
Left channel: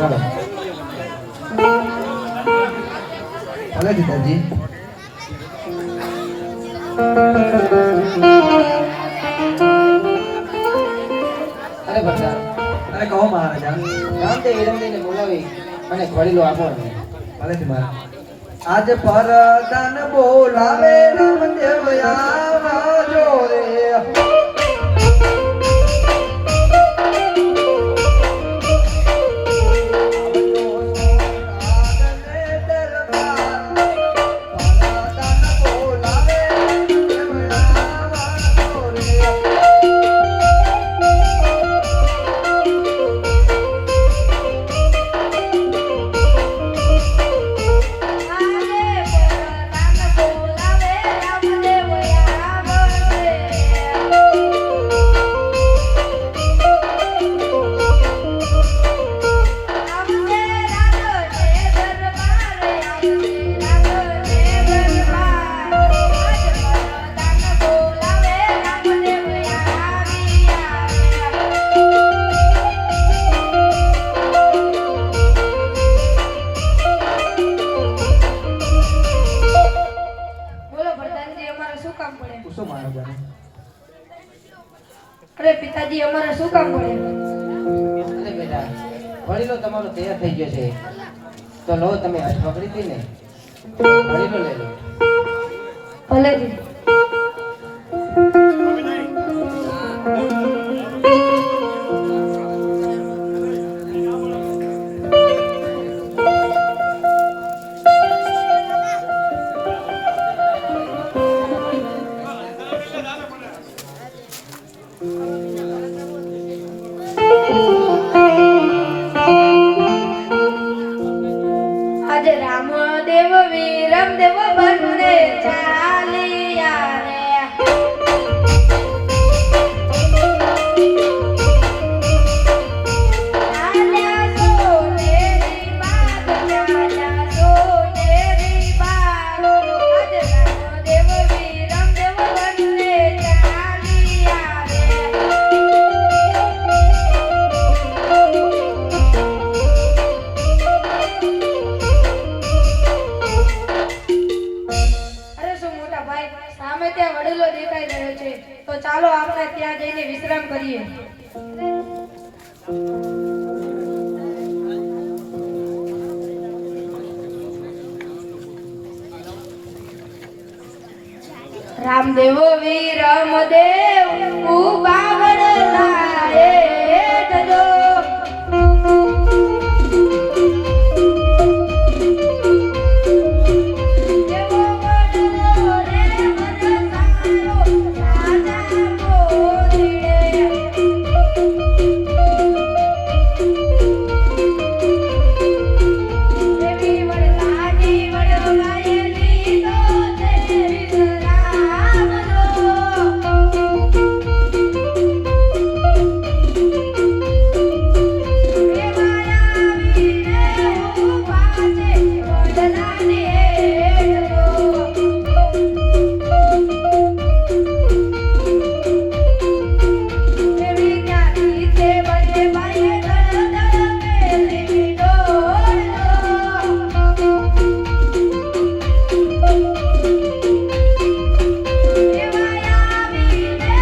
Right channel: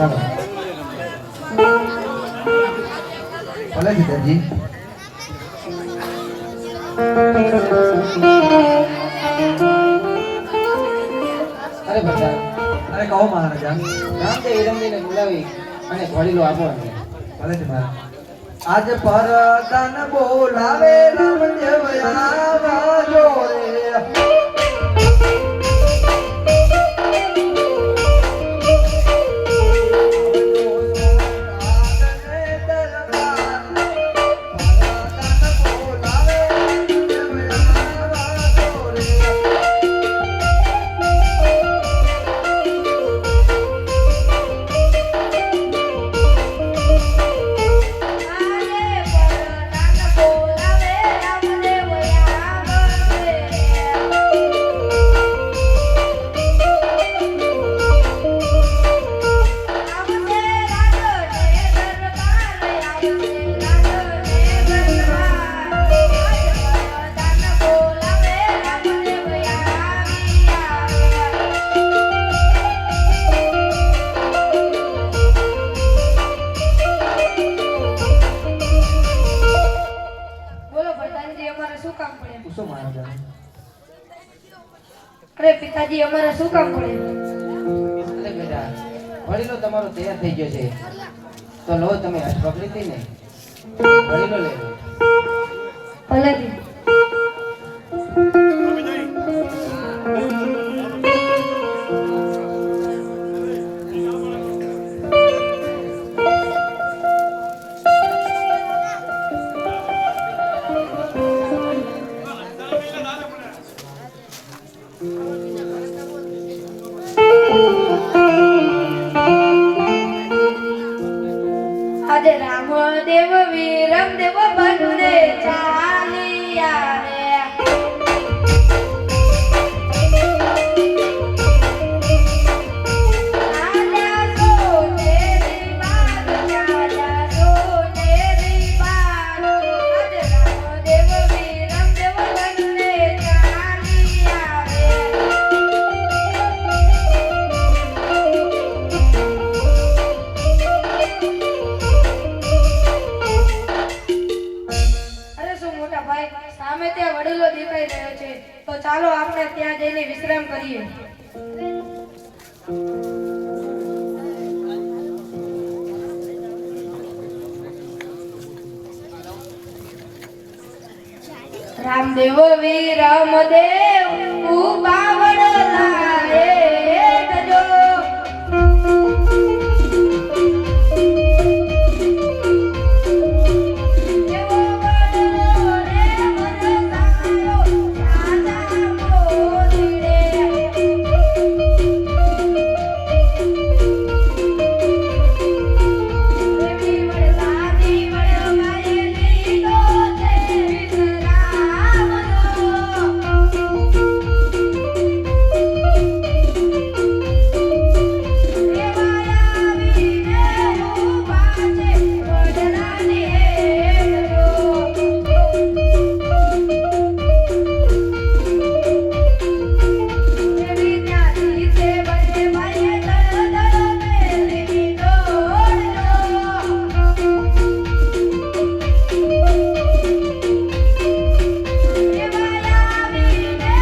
ભલે પિતાજી. અરે બતા અરે કહો મહારાજા. રામદેવ હિરમદેવને બોલાવી અને ઘડીલો આપો અમને. ભલે છે મહારાજ. આજે પરદાન બોલાવે રામદેવ આવાજો રે. પૂછો મહારાજા. અરે પિતાજી અમારે શું કામ પડે? એટલે બેટા ઘડીલો તમારો તૈયાર થઈ ગયો છે તો લો તમે હાથ પકડી હતી ને ઘડીલો લઈ લો. ભલે જી. આજે રામદેવ વીરમદેવ બંને ચાલ્યા રે. રાજા સોનેરી બાગ, રાજા સોનેરી બાગ. આજે રામદેવ વીરમદેવ બંને ચાલ્યા રે. અરે શું મોટા ભાઈ, સામે ત્યાં વડીલો દેખાઈ રહ્યો છે, તો ચાલો આપણે ત્યાં જઈને વિશ્રામ કરીએ. રામદેવ વીરમદેવ ઉભા વડલા હેઠજો. દેવો વડલો રે મનસારો રાજા મોરીડે. દેવી વડલાજી વડલાએ લીધો છે વિશ્રામનો. દેવાયા વીરે ઉભા છે વડલાને હેઠજો. દેવી ત્યાંથી તે બંને ભાઈએ દળ મેલીની દોડલો. દેવાયા વીરે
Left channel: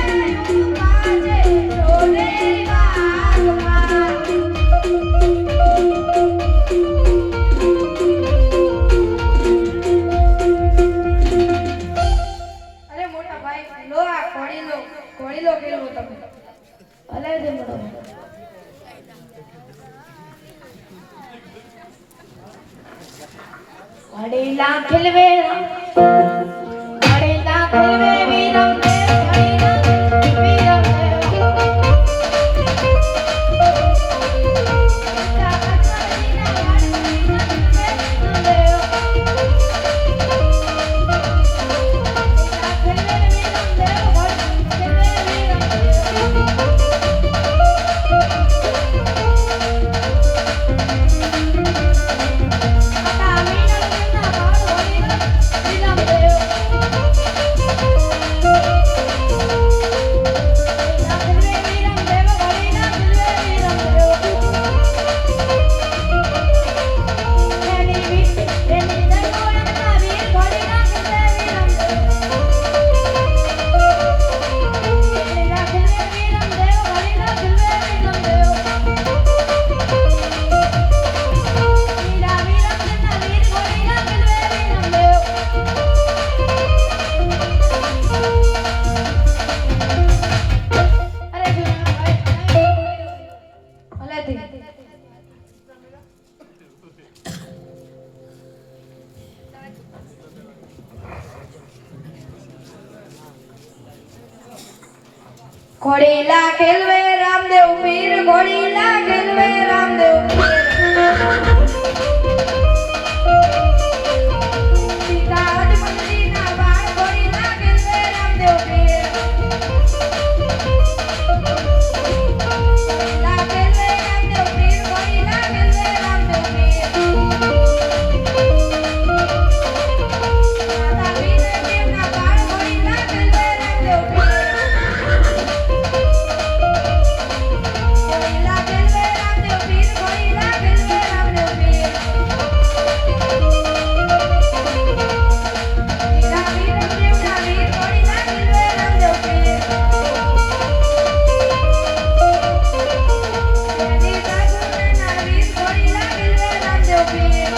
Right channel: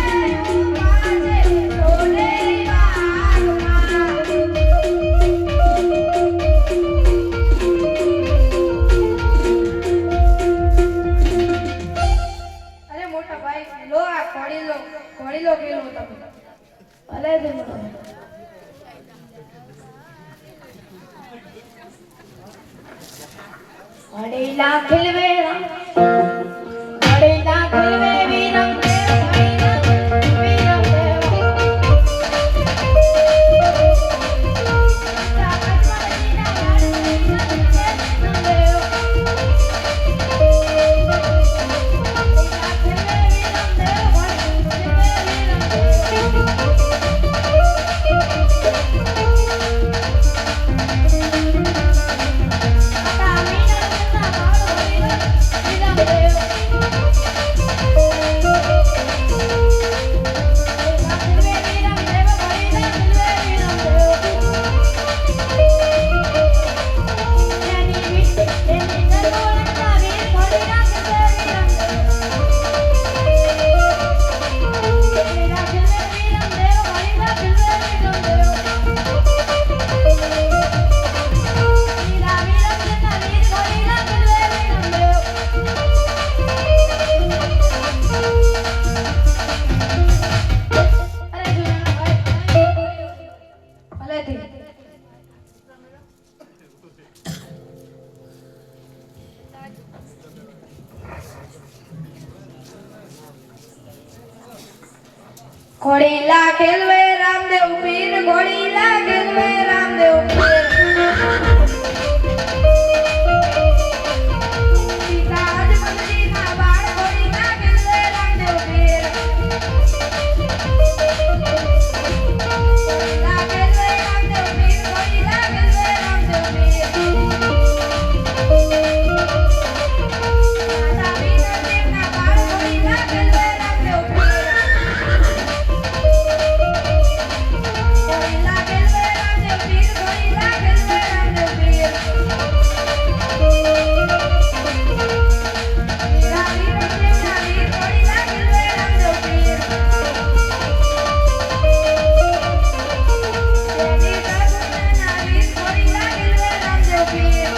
ઉભા છે સોનેરી બાગમાં. અરે મોટા ભાઈ, લો આ ઘડીલો કેલો તમે. ભલે છે મોટા ભાઈ. ઘડીલા ખીલવે ઘડીલા ખીલવે વીરમદેવ, ઘડીલા વીરમદેવ. વીરમદેવ નથી. ઘોડીલા ખેલવે રામદેવ પીર, ઘોડીલા ખેલવે રામદેવ પીર. સીતા રાજમંડળીના બાળ, ઘોડીલા ખેલવે રામદેવ પીર. ઘોડીલા ખેલવે રામદેવ પીર, ઘોડીલા ખેલવે રામદેવ પીર. માતા વીના દેવના બાળ, ઘોડીલા ખેલવે રામદેવ પીર. ઘોડીલા ખેલવે રામદેવ પીર, ઘોડીલા ખેલવે રામદેવ પીર. વીરા વીર દેવના વીર, ઘોડીલા ખેલવે રામદેવ પીર. દેવી પ્રભુના વીર, ઘોડીલા ખેલવે રામદેવ પીર.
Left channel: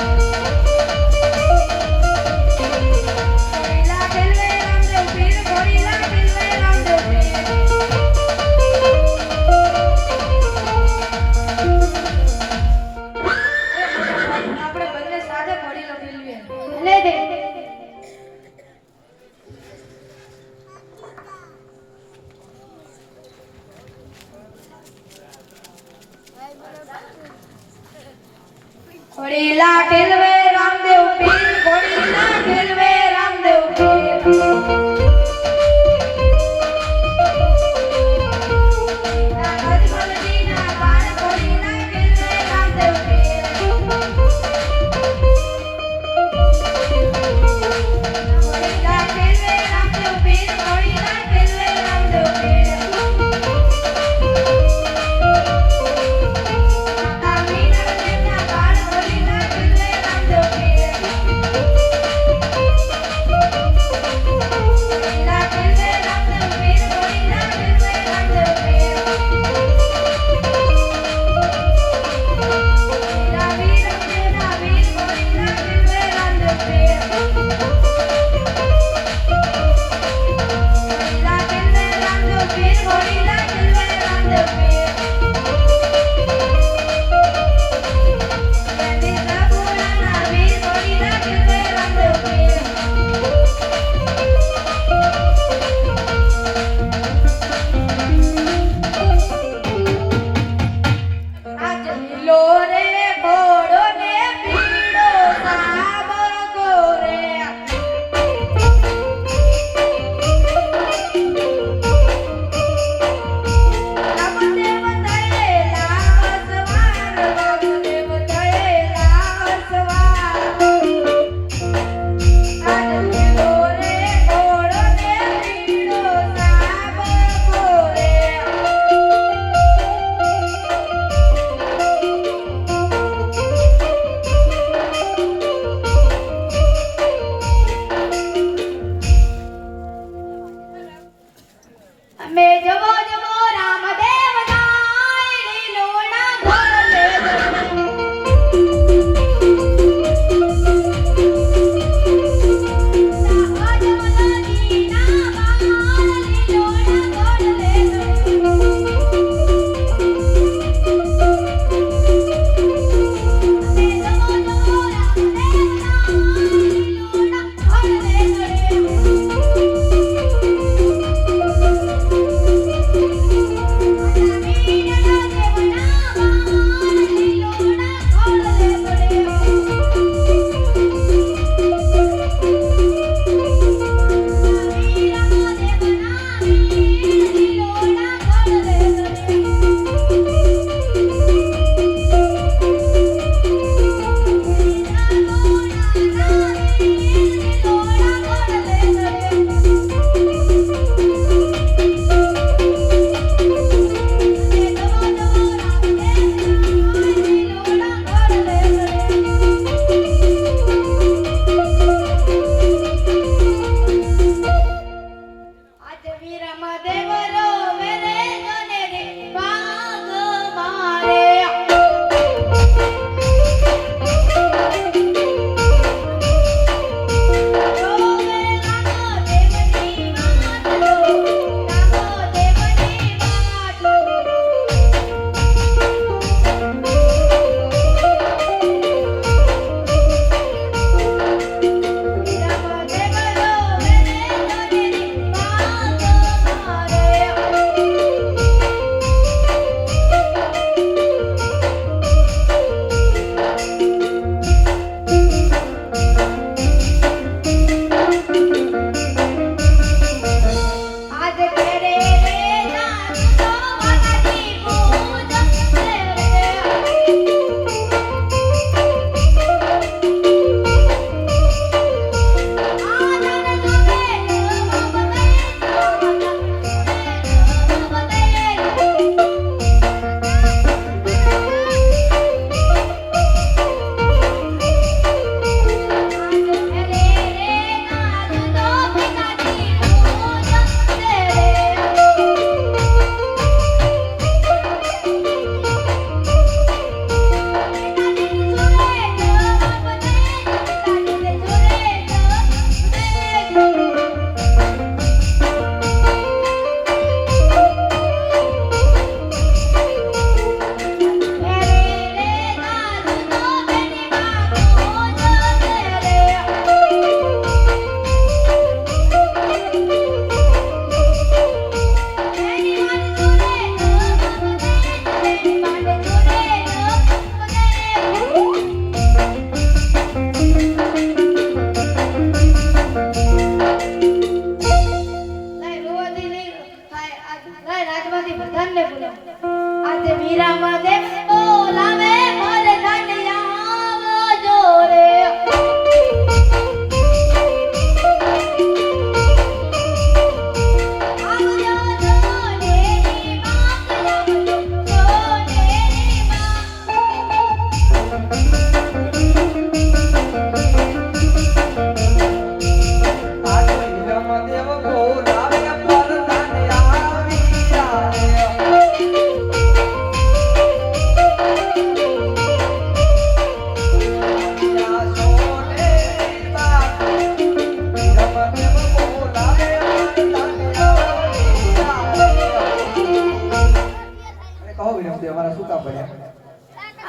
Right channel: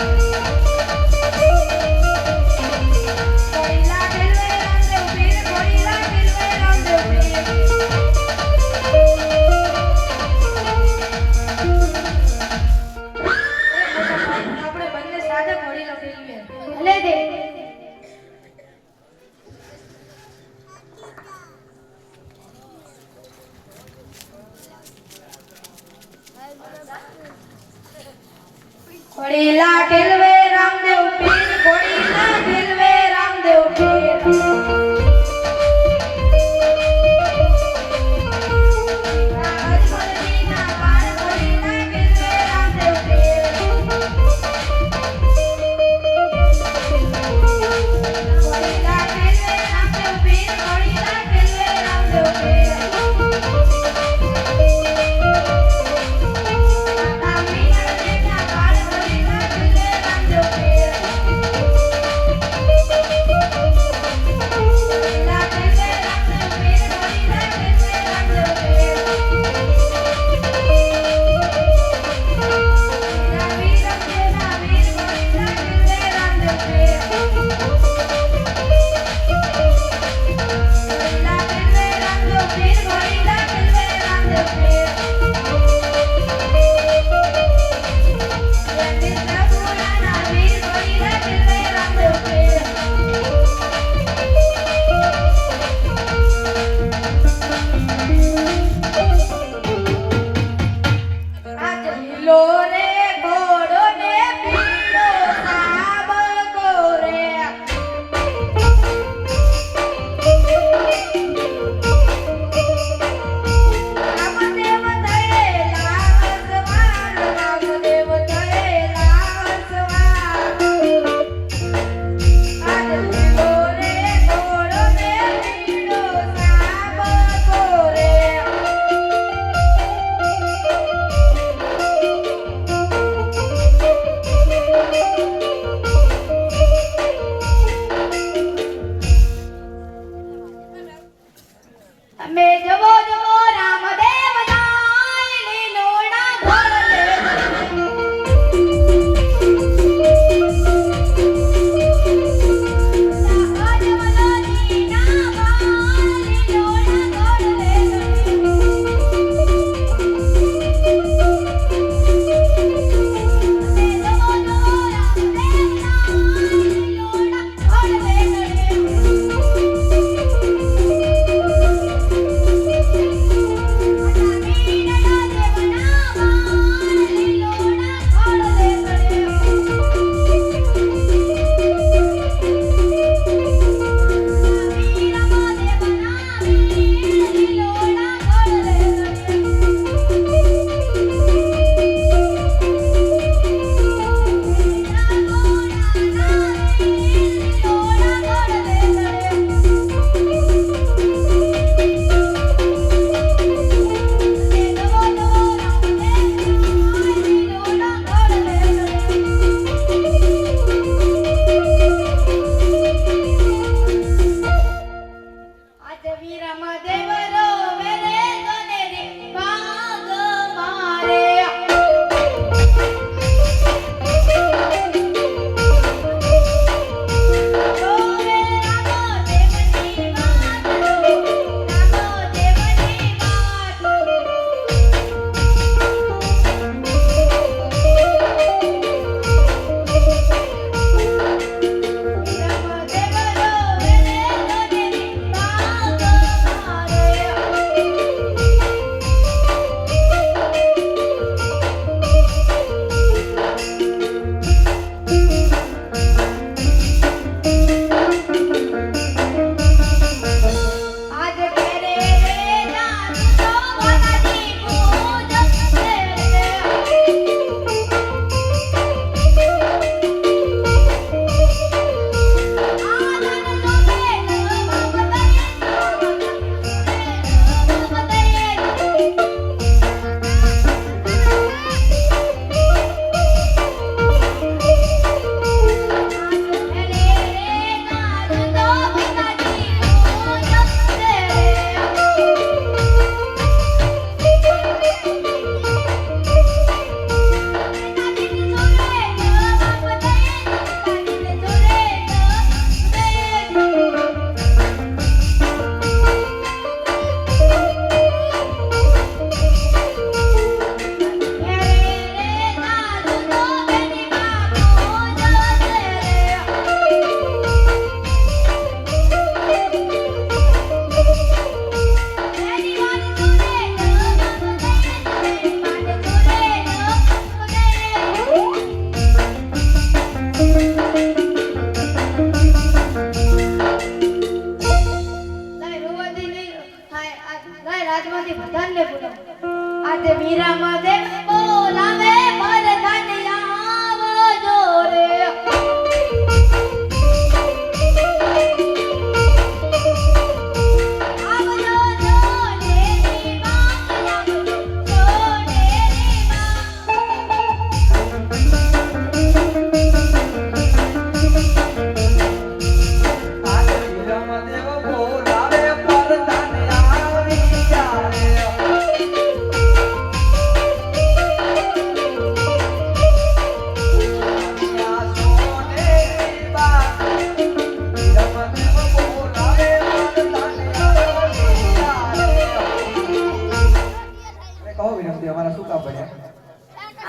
ઘોડીલા ખેલવે રામદેવ પીર, ઘોડીલા ખેલવે રામદેવ પીર. આપણે બંને સાથે ઘોડીલો ખેલવીએ. લે દે. ઘોડીલા ખેલવે રામદેવ પીર, ઘોડીલા ખેલવે રામદેવ પીર. રાજમંડળીના બાળ, ઘોડીલા ખેલવે રામદેવ પીર. ઘોડીલા ખેલવે રામદેવ પીર, ઘોડીલા ખેલવે રામદેવ પીર. માતા વીના દેવના બાળ, ઘોડીલા ખેલવે રામદેવ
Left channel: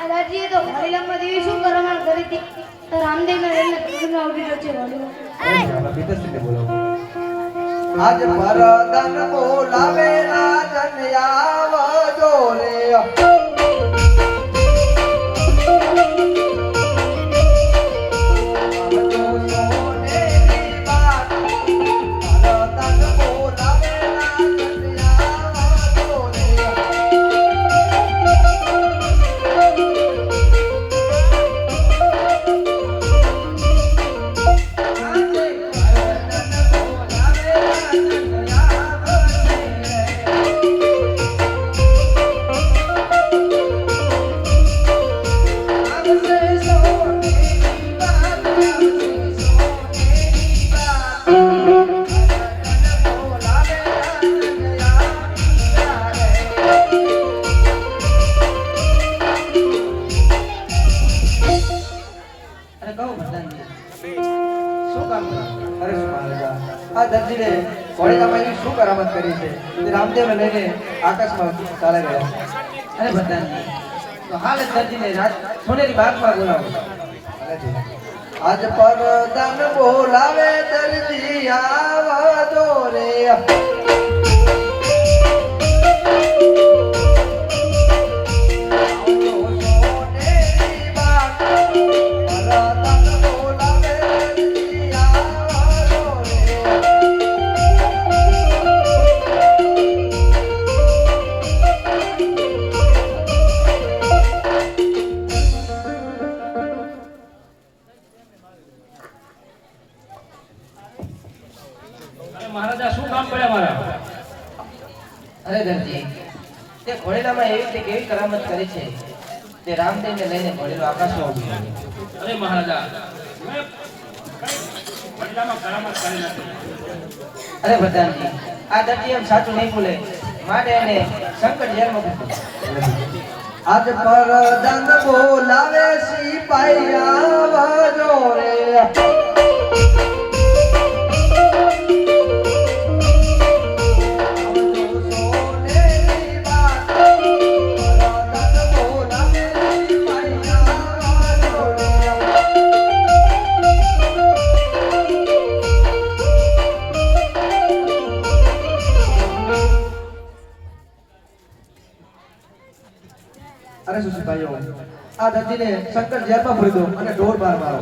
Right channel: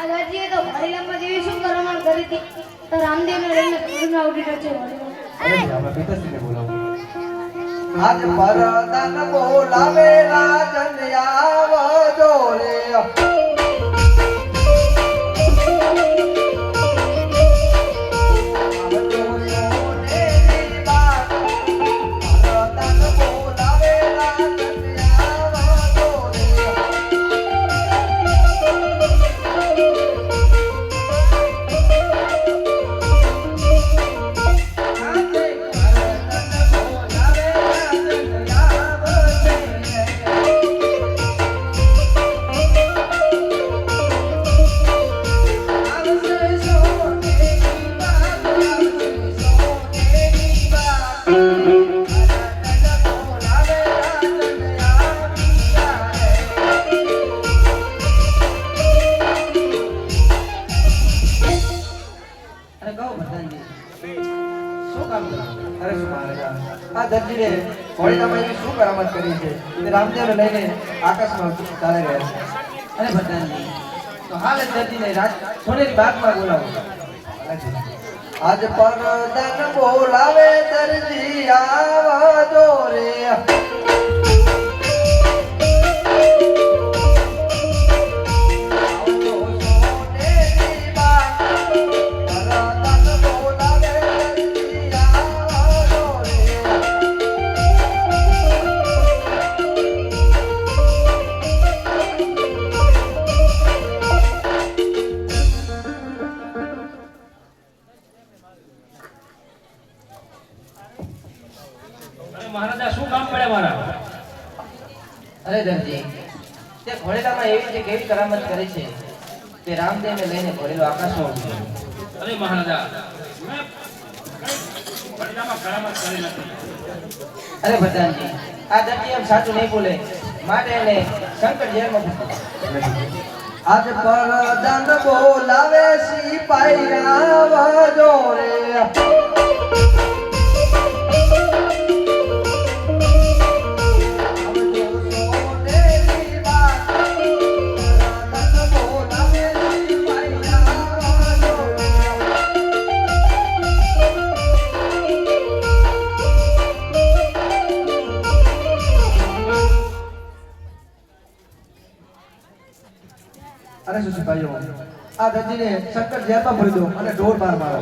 આ દાદીએ તો હરિરામમાં દેવી શું કરવાનું કરી હતી તો રામદેવને લઈને કુંડમાં ઉડી રહ્યો છે વળી. આપણે પિતાશ્રીને બોલાવો. આજ પરદાન બોલાવે રાજન આવજો રે આવજો સોનેરી વાત. પરદાન બોલાવે રાજન આવજો રે. અરે કહો ભગવાનજી શું કામ કરો? અરે શું મહારાજા, આ દરજીને ઘોડીલામાં એવી શું કરામત કરી છે તે રામદેવને લઈને આકાશમાં ચાલ્યા ગયા છે. અરે ભગવાનજી તો હા દરજીને રાજ સોનેરી બાગમાં બોલાવો. આજ પરદાન બોલાવે દરજી આવજો રે આવજો સોનેરી વાત. પરદાન બોલાવે દરજી આવજો રે. અરે મહારાજા શું કામ પડે મારા? અરે દરજી તે ઘોડેલામાં એવી રીતે કેવી કરામત કરી છે તે રામદેવને લઈને ઘોડેલો આકાશમાં ઉડી ગયો. અરે મહારાજા મેં બદલામાં કરામત કરી નથી. અરે ભગવાનજી આ દરજી એમ સાચું નહીં બોલે માટે એને શંકર જેલમાં મૂક્યો. આજ પરદાન બોલાવે સિપાઈ આવજો રે આવજો સોનેરી વાત. પરદાન બોલાવે સિપાઈ આવજો રે. અરે શું સિપાહીઓ, આ દરજીને શંકર જેલમાં ભરી દો અને ઢોર માર મારો.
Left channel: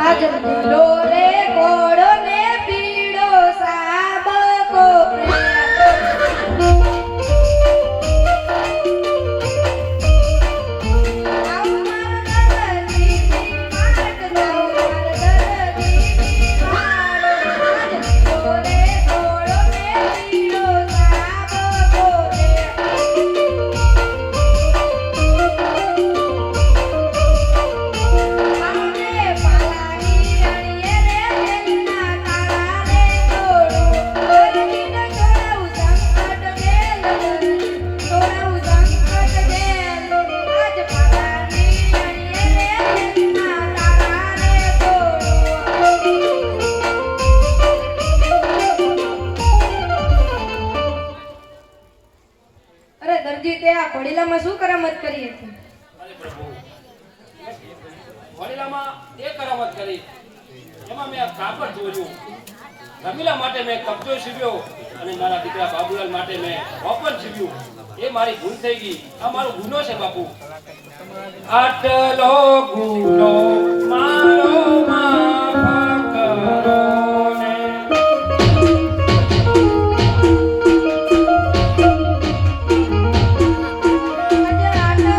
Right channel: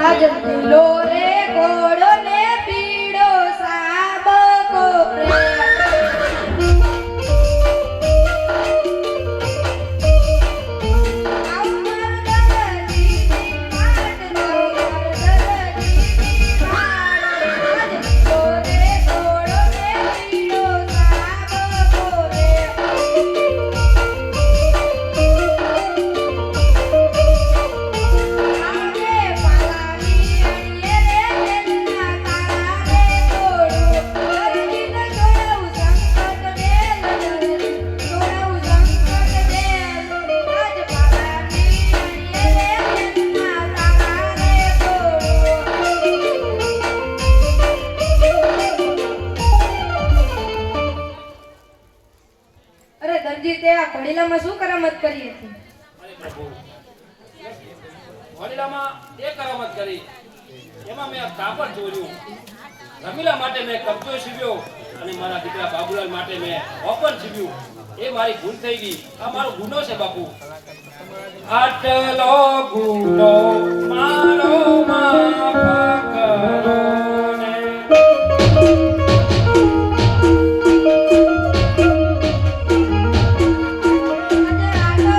આજ ભૂલો રે ઘોડો ને પીડો સાબકો અરે દરજી તે આ ઘોડીલામાં શું કરામત કરી હતી? અરે પ્રભુ વડીલામાં એ કરામત કરી એમાં મેં આ કાપડ ચોર્યું. રમીલા માટે મેં કબજો સીવ્યો અને મારા દીકરા બાબુલાલ માટે મેં વપન સીવ્યું. એ મારી ભૂલ થઈ ગઈ. આ મારો ગુનો છે બાપુ. આટલો ગુનો મારો માફ કરો ને. આજે આટલો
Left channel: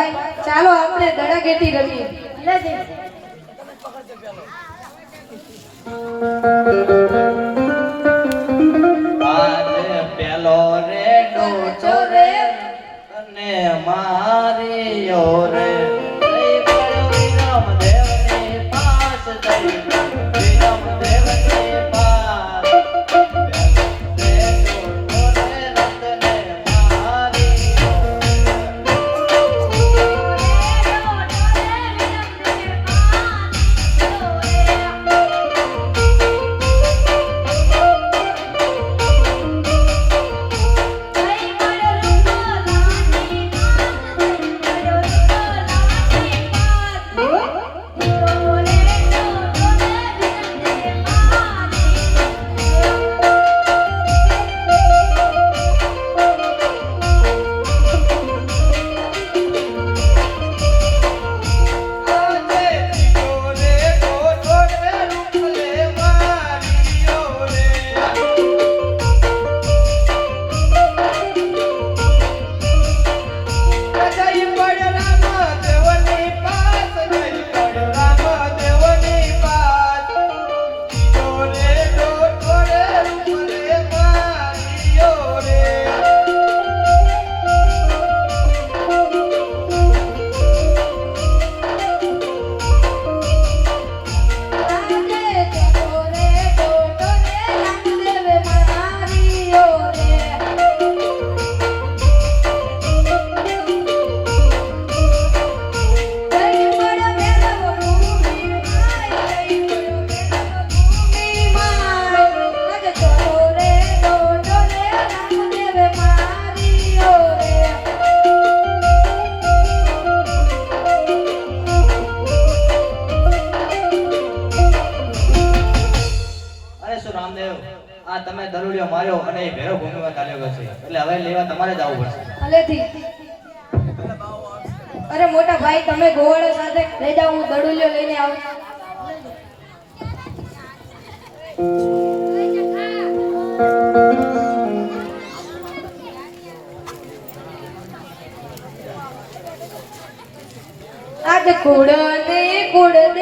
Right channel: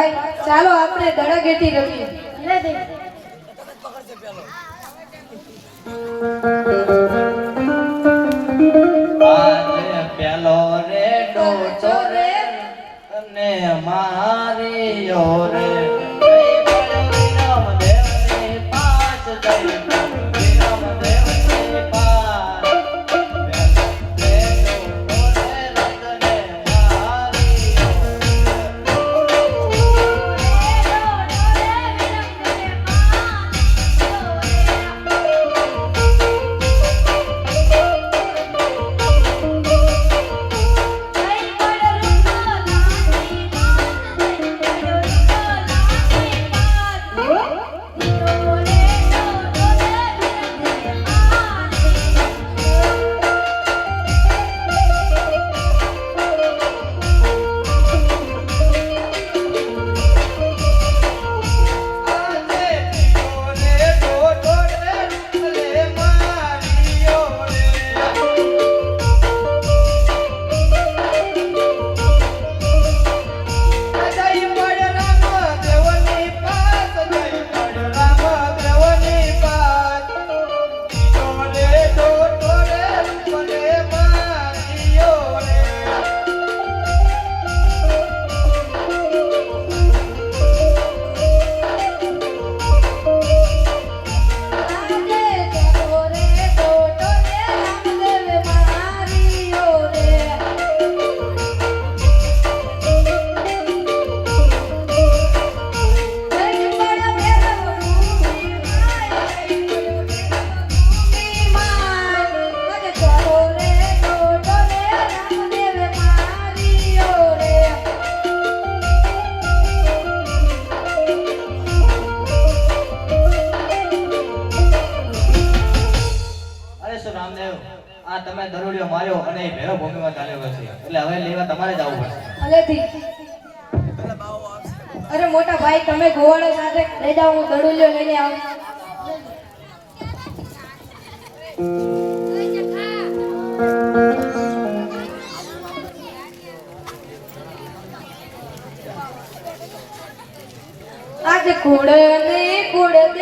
ભાઈ ચાલો આપણે દડાગેટી રમીએ આજે પેલો રે ડોચો રે અને મારીયો રે જઈ પડ્યો વિરમદેવની પાસ જઈ વિરમદેવની પાસ પેલો રે ડોચો રે રતને આ તમે દરોડિયો માર્યો અને એ ભેરો ભૂમિમાં ચાલ્યો છે એટલે હવે લેવા તમારે જ આવવું પડશે ભલેથી અરે મોટા ભાઈ તમે ગોવાળો સાથે લઈ જાઓ હું દડુલ્યો લઈને આવું